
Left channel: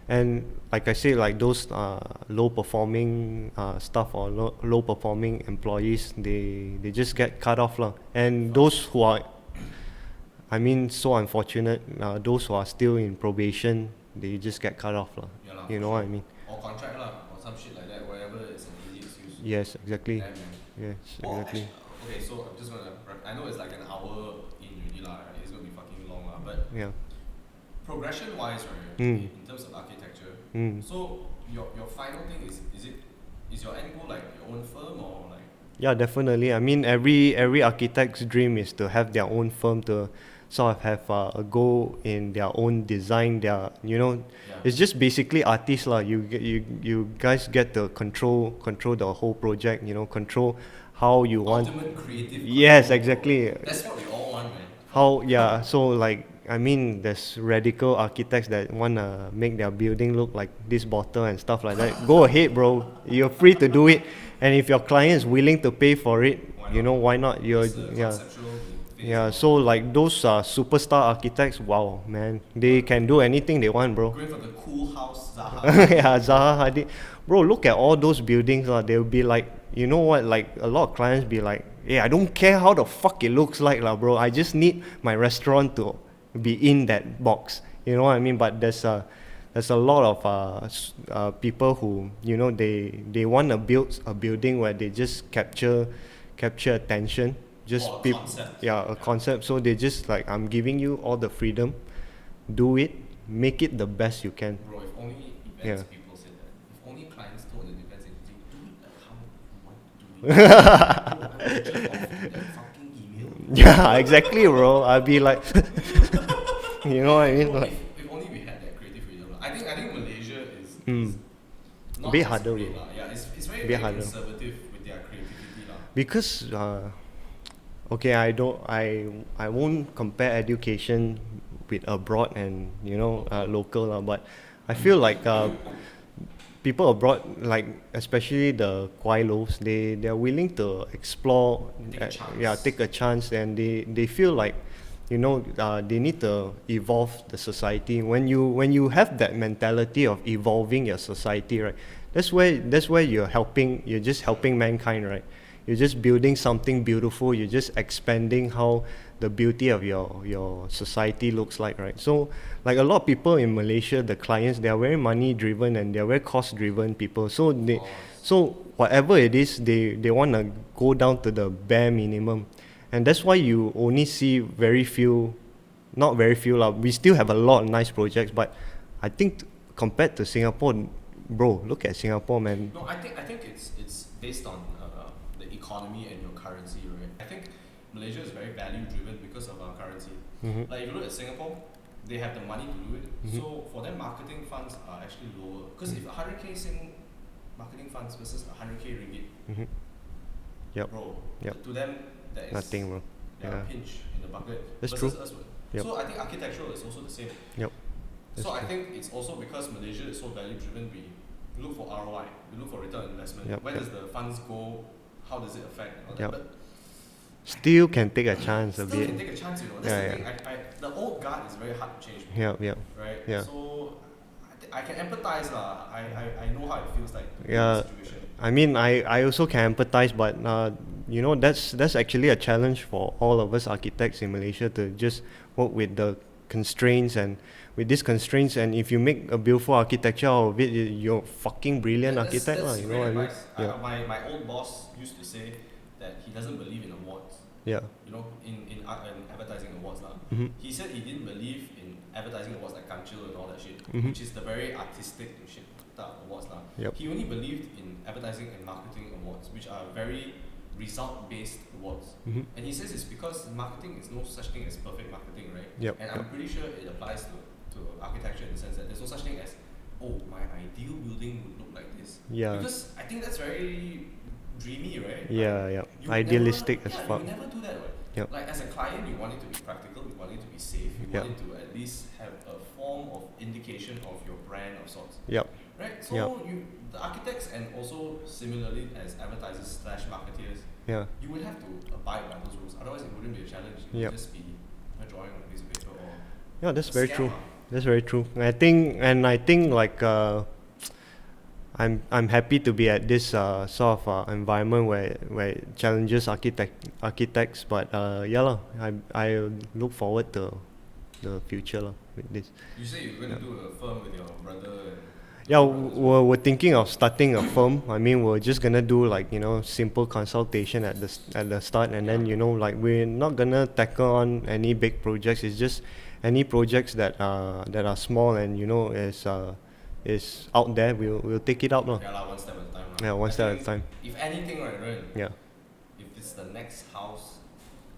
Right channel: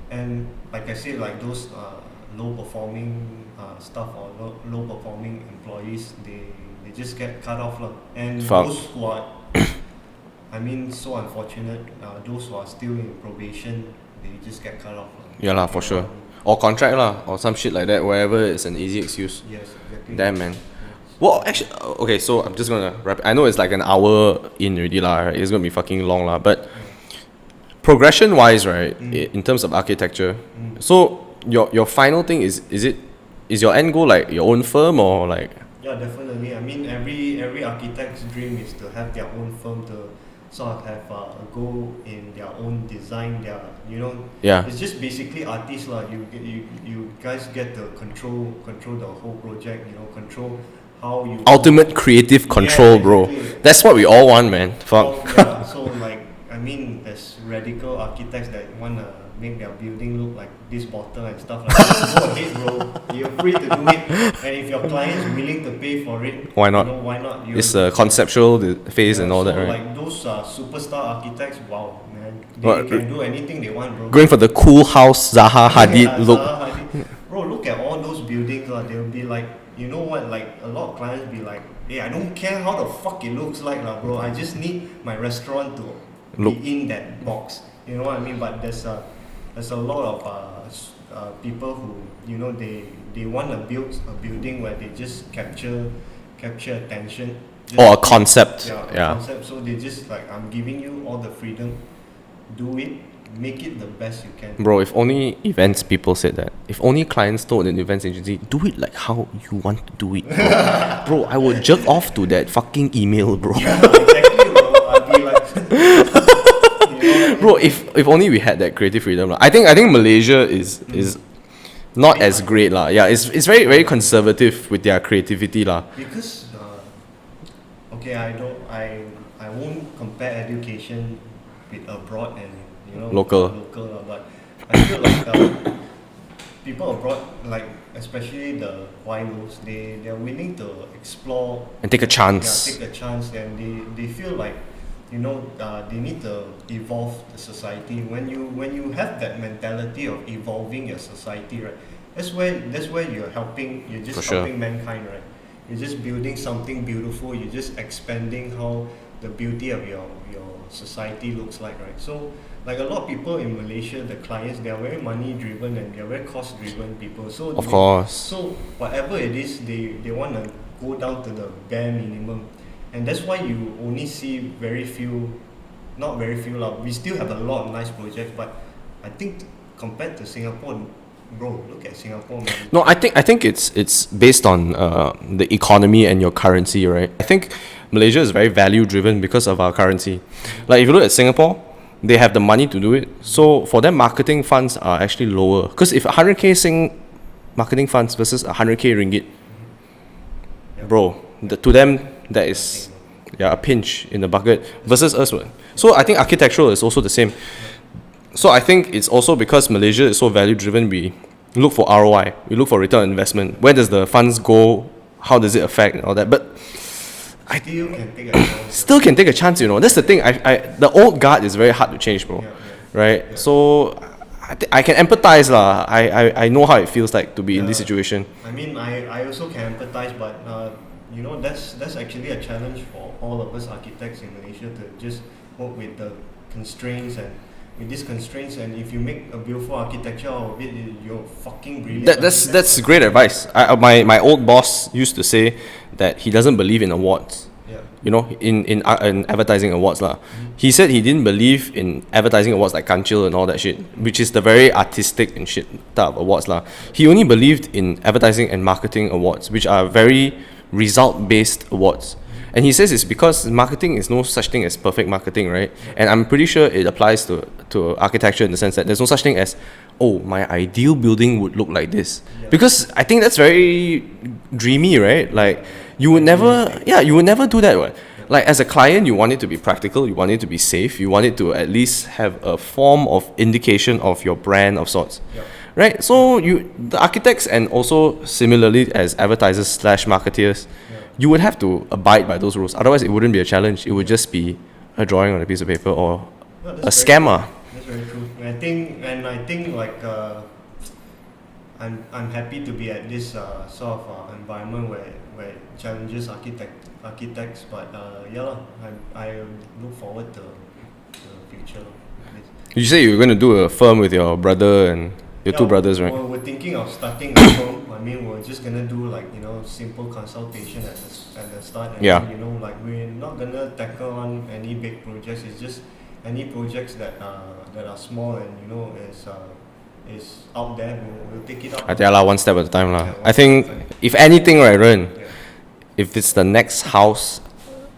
and like I say, like those low performing staff or low performing employees, they just get cut off lah. And Fuck. those who are, I mean, so unfortunate, those who are still in probation, they just get cut off lah. Yeah lah, You for know sure. what I mean? Or contract lah, or some shit like that, wherever it's an easy excuse. Yes, exactly. Damn, man. Yeah. Well, actually, okay, so I'm just gonna wrap. I know it's like an hour in already lah, right? It's gonna be fucking long lah, but Yeah. progression wise, right, Mm. in terms of architecture, Mm. so your final thing is your end goal like your own firm or like? Yeah, definitely. I mean, every architect's dream is to have their own firm, to sort of have a go in their own design. Yeah. It's just basically artists lah. You guys get to control the whole project. Control how you Ultimate creative control, bro. exactly. That's what we all want, man. Fuck. Yeah. So like, I mean, there's radical architects that wanna make their building look like this bottle and stuff like that. Go ahead, bro. You're free to do it. And if your client is willing to pay for it, Why not? Why not? It's a conceptual phase and all so that, right? like those superstar architects, wow, man, they What, can do anything they want, bro. Going for the cool house Zaha Hadid Yeah, look. Zaha Hadid. Bro, look at all those buildings. They'll be like, you know what? Like a lot of clients be like, hey, I don't care how the fuck it looks like, lah, bro. I just need my restaurant to Look. be in that box. You know what I mean? But there's a lot of people who, you know, they want to build a building where they just capture attention. Just Or a concept. Yeah, a concept. So they just like, I'm giving you all the freedom. Do it. Make it the best you can. Bro, if only events people said that. If only clients told an events agency, do it like how you want to do it. Bro, I would jerk off to that fucking email, bro. Yeah, exactly, bro. I'd be like, you know what I mean? Bro, if only we had that creative freedom. I think Malaysia is not Bit as under- great. Yeah, it's very conservative with their creativity. Because okay, I won't compare education with abroad and, you know, Local. local, but I feel like people abroad, like especially the Kwailos, they're willing to explore And take a chance. Yeah, take a chance, and they feel like, you know, they need to evolve the society. When you have that mentality of evolving your society, right? That's where you're just For sure. helping mankind, right? You're just building something beautiful. You're just expanding how the beauty of your society looks like, right? So like a lot of people in Malaysia, the clients, they are very money driven and they are very cost driven people. So Of course. so whatever it is, they want to go down to the bare minimum, and that's why you only see not very few lah. We still have a lot of nice projects, but I think compared to Singapore, bro, look at Singapore, man. No, I think it's based on the economy and your currency, right? I think Malaysia is very value driven because of our currency. Like if you look at Singapore, they have the money to do it. So for them, marketing funds are actually lower. Because if 100k Sing marketing funds versus 100k ringgit, Yep. bro, Yep. to them that is Nothing, man. a pinch in the bucket That's versus us. What? So I think architectural is also the same. Yep. So I think it's also because Malaysia is so value driven, we look for ROI, we look for return on investment. Yep. Where does the funds go? How does it affect and all that? But Still can take a chance. still can take a chance, you know. That's Yeah, the thing. I the old guard is very hard to change, bro. Yeah. Right? Yeah. So I can empathize lah. I know how it feels like to be in this Yeah. situation. I mean, I also can empathize, but you know, that's actually a challenge for all of us architects in Malaysia to just work with the constraints, and with these constraints, and if you make a beautiful architecture out of it, you're fucking brilliant. That's architect, great advice. My old boss used to say that he doesn't believe in awards. Yeah. You know, in advertising awards lah. He said he didn't believe in advertising awards like Kanchil and all that shit, which is the very artistic and shit type of awards lah. He only believed in advertising and marketing awards, which are very result-based awards. And he says it's because marketing is no such thing as perfect marketing, right? Yep. And I'm pretty sure it applies to architecture in the sense that there's no such thing as, oh, my ideal building would look like this. Yeah. Because I think that's very dreamy, right? Like yeah. you would never, Idealistic. you would never do that. What? Yep. Like as a client, you want it to be practical, you want it to be safe, you want it to at least have a form of indication of your brand of sorts. Yep. Right? So the architects and also similarly as advertisers slash marketeers, Yeah. you would have to abide by those rules. Otherwise, it wouldn't be a challenge. It would Yeah. just be a drawing on a piece of paper or Yeah, a that's very scammer. true. That's very true. I think like I'm happy to be at this sort of environment where it challenges architects, but yeah lah, I look forward to the future lah with this. You say you were going to do a firm with your brother and your two brothers, right? We're thinking of starting a firm. I mean, we're just gonna do like, you know, simple consultation at the start, and Yeah. then, you know, like we're not gonna tackle on any big projects. It's just any projects that are small and, you know, is out there. We'll take it out. Yeah, lah, one step at a time. Yeah, one I step think at a time. if anything, right, Ren, Yeah. if it's the next house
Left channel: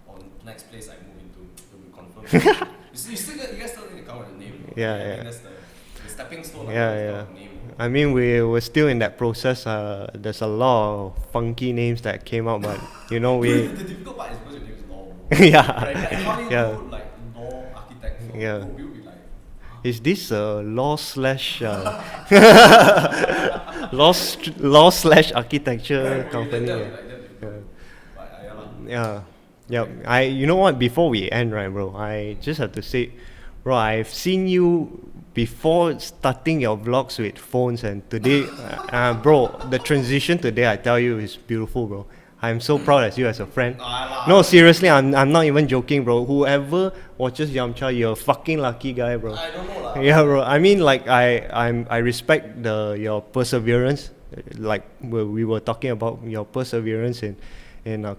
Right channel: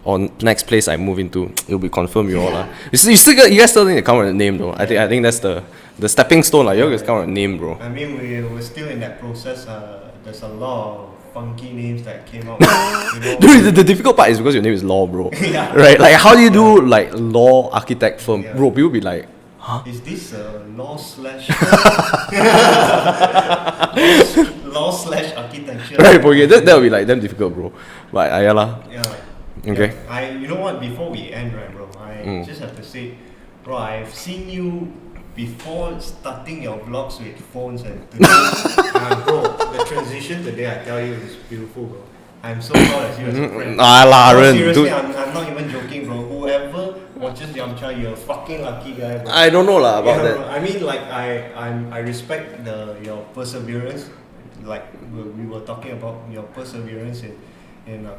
or next place I move into, it'll be confirmed you all. You guys still need to come up with a name though. Yeah. I think that's the stepping stone. Like, you Yeah, guys come up yeah. with a name, bro. I mean, we're still in that process. There's a lot of funky names that came out. With, you know. Dude, the difficult part is because your name is Law, bro. Yeah. Right? Like, how do you do like law architect firm? Yeah. Bro, people be like, Is this law slash law slash architecture? right, bro, yeah, that will be like damn difficult, bro. But yeah lah. Yeah. Okay. Yeah. You know what? Before we end, right, bro? I just have to say, bro, I've seen you before starting your vlogs with phones, and today, bro, the transition today, I tell you, is beautiful, bro. I'm so proud as you as a friend. Nah lah, Bro, Ren, seriously, dude. I'm not even joking, bro. Whoever watches Yamcha, you're a fucking lucky guy, bro. I don't know lah about Yeah, that. bro. I mean, like I respect your perseverance. Like we were talking about your perseverance in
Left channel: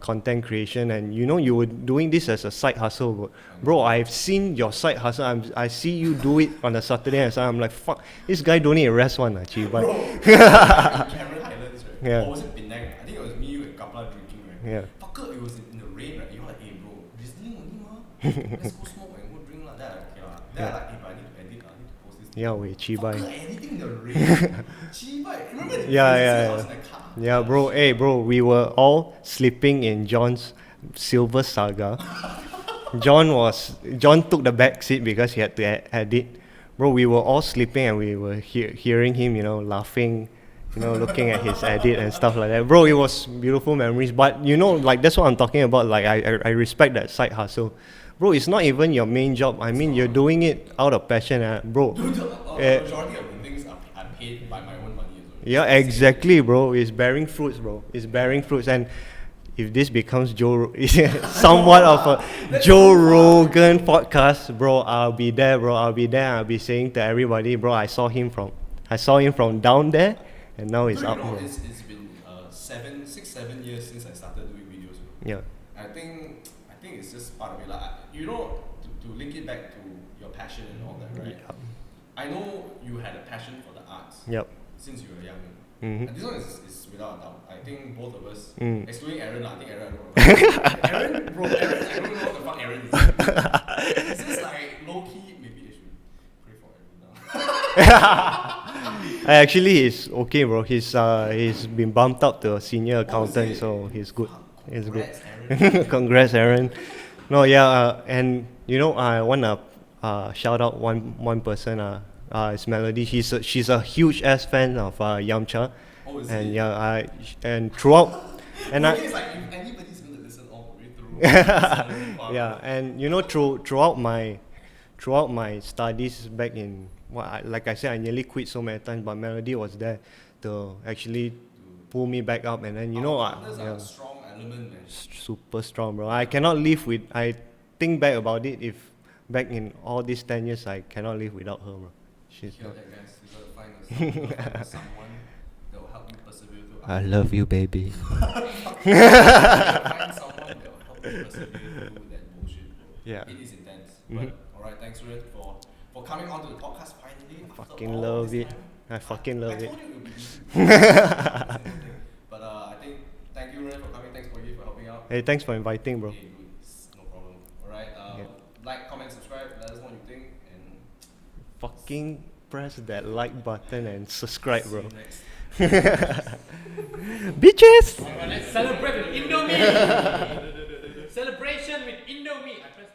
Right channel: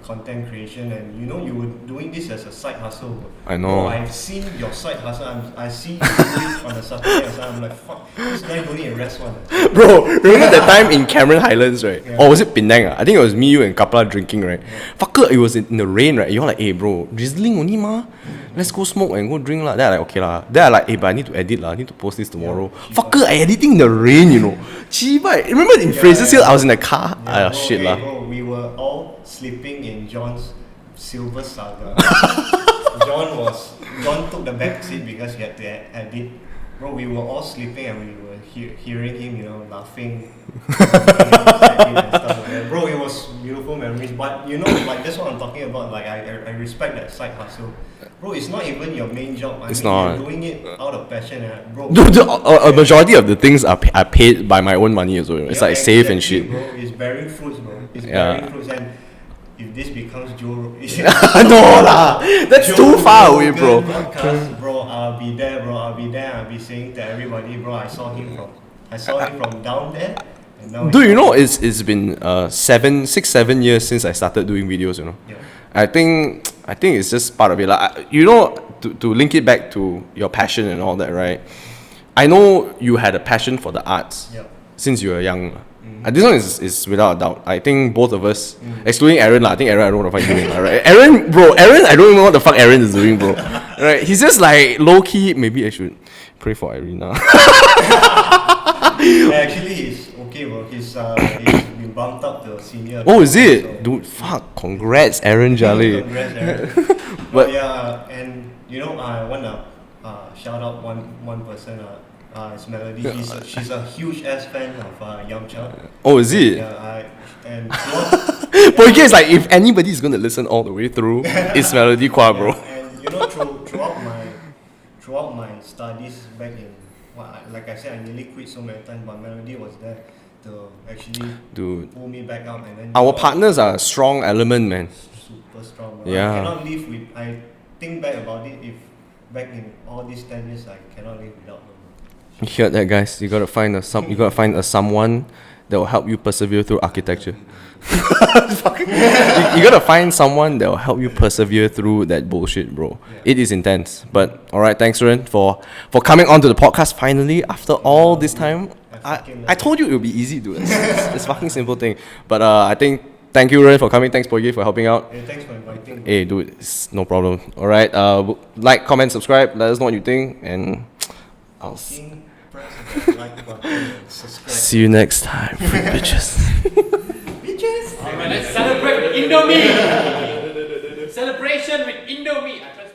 content creation, and you know you were doing this as a side hustle, bro. I know. Bro, I've seen your side hustle. I see you do it on a Saturday and Sunday. I'm like, fuck, this guy don't need a rest one. Actually, Bro, remember that time in Cameron Highlands, right? Yeah. Or was it Penang? I think it was me, you, and Kapla drinking, right? Yeah. Fucker, it was in the rain, right? You're like, hey, bro, drizzling only, ma. Let's go smoke and go drink, lah. Then I like, okay, lah. Then I like, hey, but I need to edit, lah. I need to post this tomorrow. chibai. Fucker, I editing in the rain, you know. Chibai. Remember in Yeah, Fraser's Hill, yeah. I was in the car. Yeah, bro. Shit, Hey, lah. bro, we were all sleeping in John's silver saga. John took the back seat because he had to edit. Bro, we were all sleeping and we were hearing him, you know, laughing, looking at his edit and stuff like that. Bro, it was beautiful memories. But you know, like that's what I'm talking about. Like I respect that side hustle. Bro, it's not even your main job. I It's mean, not. you're doing it out of passion, bro. Dude, a majority of the things are paid by my own money as well. It's Yeah, like safe and exactly, shit. bro. It's bearing fruits, bro. It's Yeah. bearing fruits, and if this becomes No lah, that's too far away, bro. podcast, bro, I'll be there, bro. I'll be there. I'll be saying to everybody, bro, I saw him from down there, and now. Dude, he's you know, up it's been 7 years since I started doing videos, you know. there. I think it's just part of it. Like, you know, to link it back to your passion and all that, right? I know you had a passion for the arts Yep. since you were young. Mhm. And this one is without a doubt. I think both of us, excluding Aaron, I think Aaron, I don't know what the fuck he's doing, right? Aaron, I don't even know what the fuck Aaron is doing, bro. Right? He's just like low key. Maybe I should pray for Irina. Actually, he's okay, bro. He's been bumped up to a senior. Oh, is accountant, it? so Dude, it's good. fuck. Congrats, Aaron Jolly. Congrats, Aaron. No, But- yeah, and you know, I wanna shout out one person. It's Melody. She's a huge ass fan of Yamcha. Oh, is And, it? yeah, and throughout. But it's like if anybody's gonna listen all the way through, it's Melody Kwa, bro. Yeah, and you know, throughout my studies back in like I said, I nearly quit so many times, but Melody was there to actually Dude, pull me back up, and then you our know, partners are a strong element, man. super strong, bro. Yeah. I cannot live with. I think back about it. If back in all these 10 years, I cannot live without her. Man. You heard that, guys? You gotta find a someone that will help you persevere through architecture. baby. You gotta find someone that will help you persevere through that bullshit, bro. Yeah. It is intense. But alright, thanks, Ren, for coming onto the podcast finally after all this dude. time. I fucking love I told you it would be easy, dude. It's fucking simple thing. But I think thank you, Ren, for coming. Thanks, Poigi, for helping out. Hey, thanks for inviting, bro. Hey, dude, it's no problem. Alright, like, comment, subscribe. Let us know what you think, and I'll Fucking press that like button and subscribe. see you next time, bitches. Bitches! Let's celebrate with Indomie. Celebration with Indomie. I press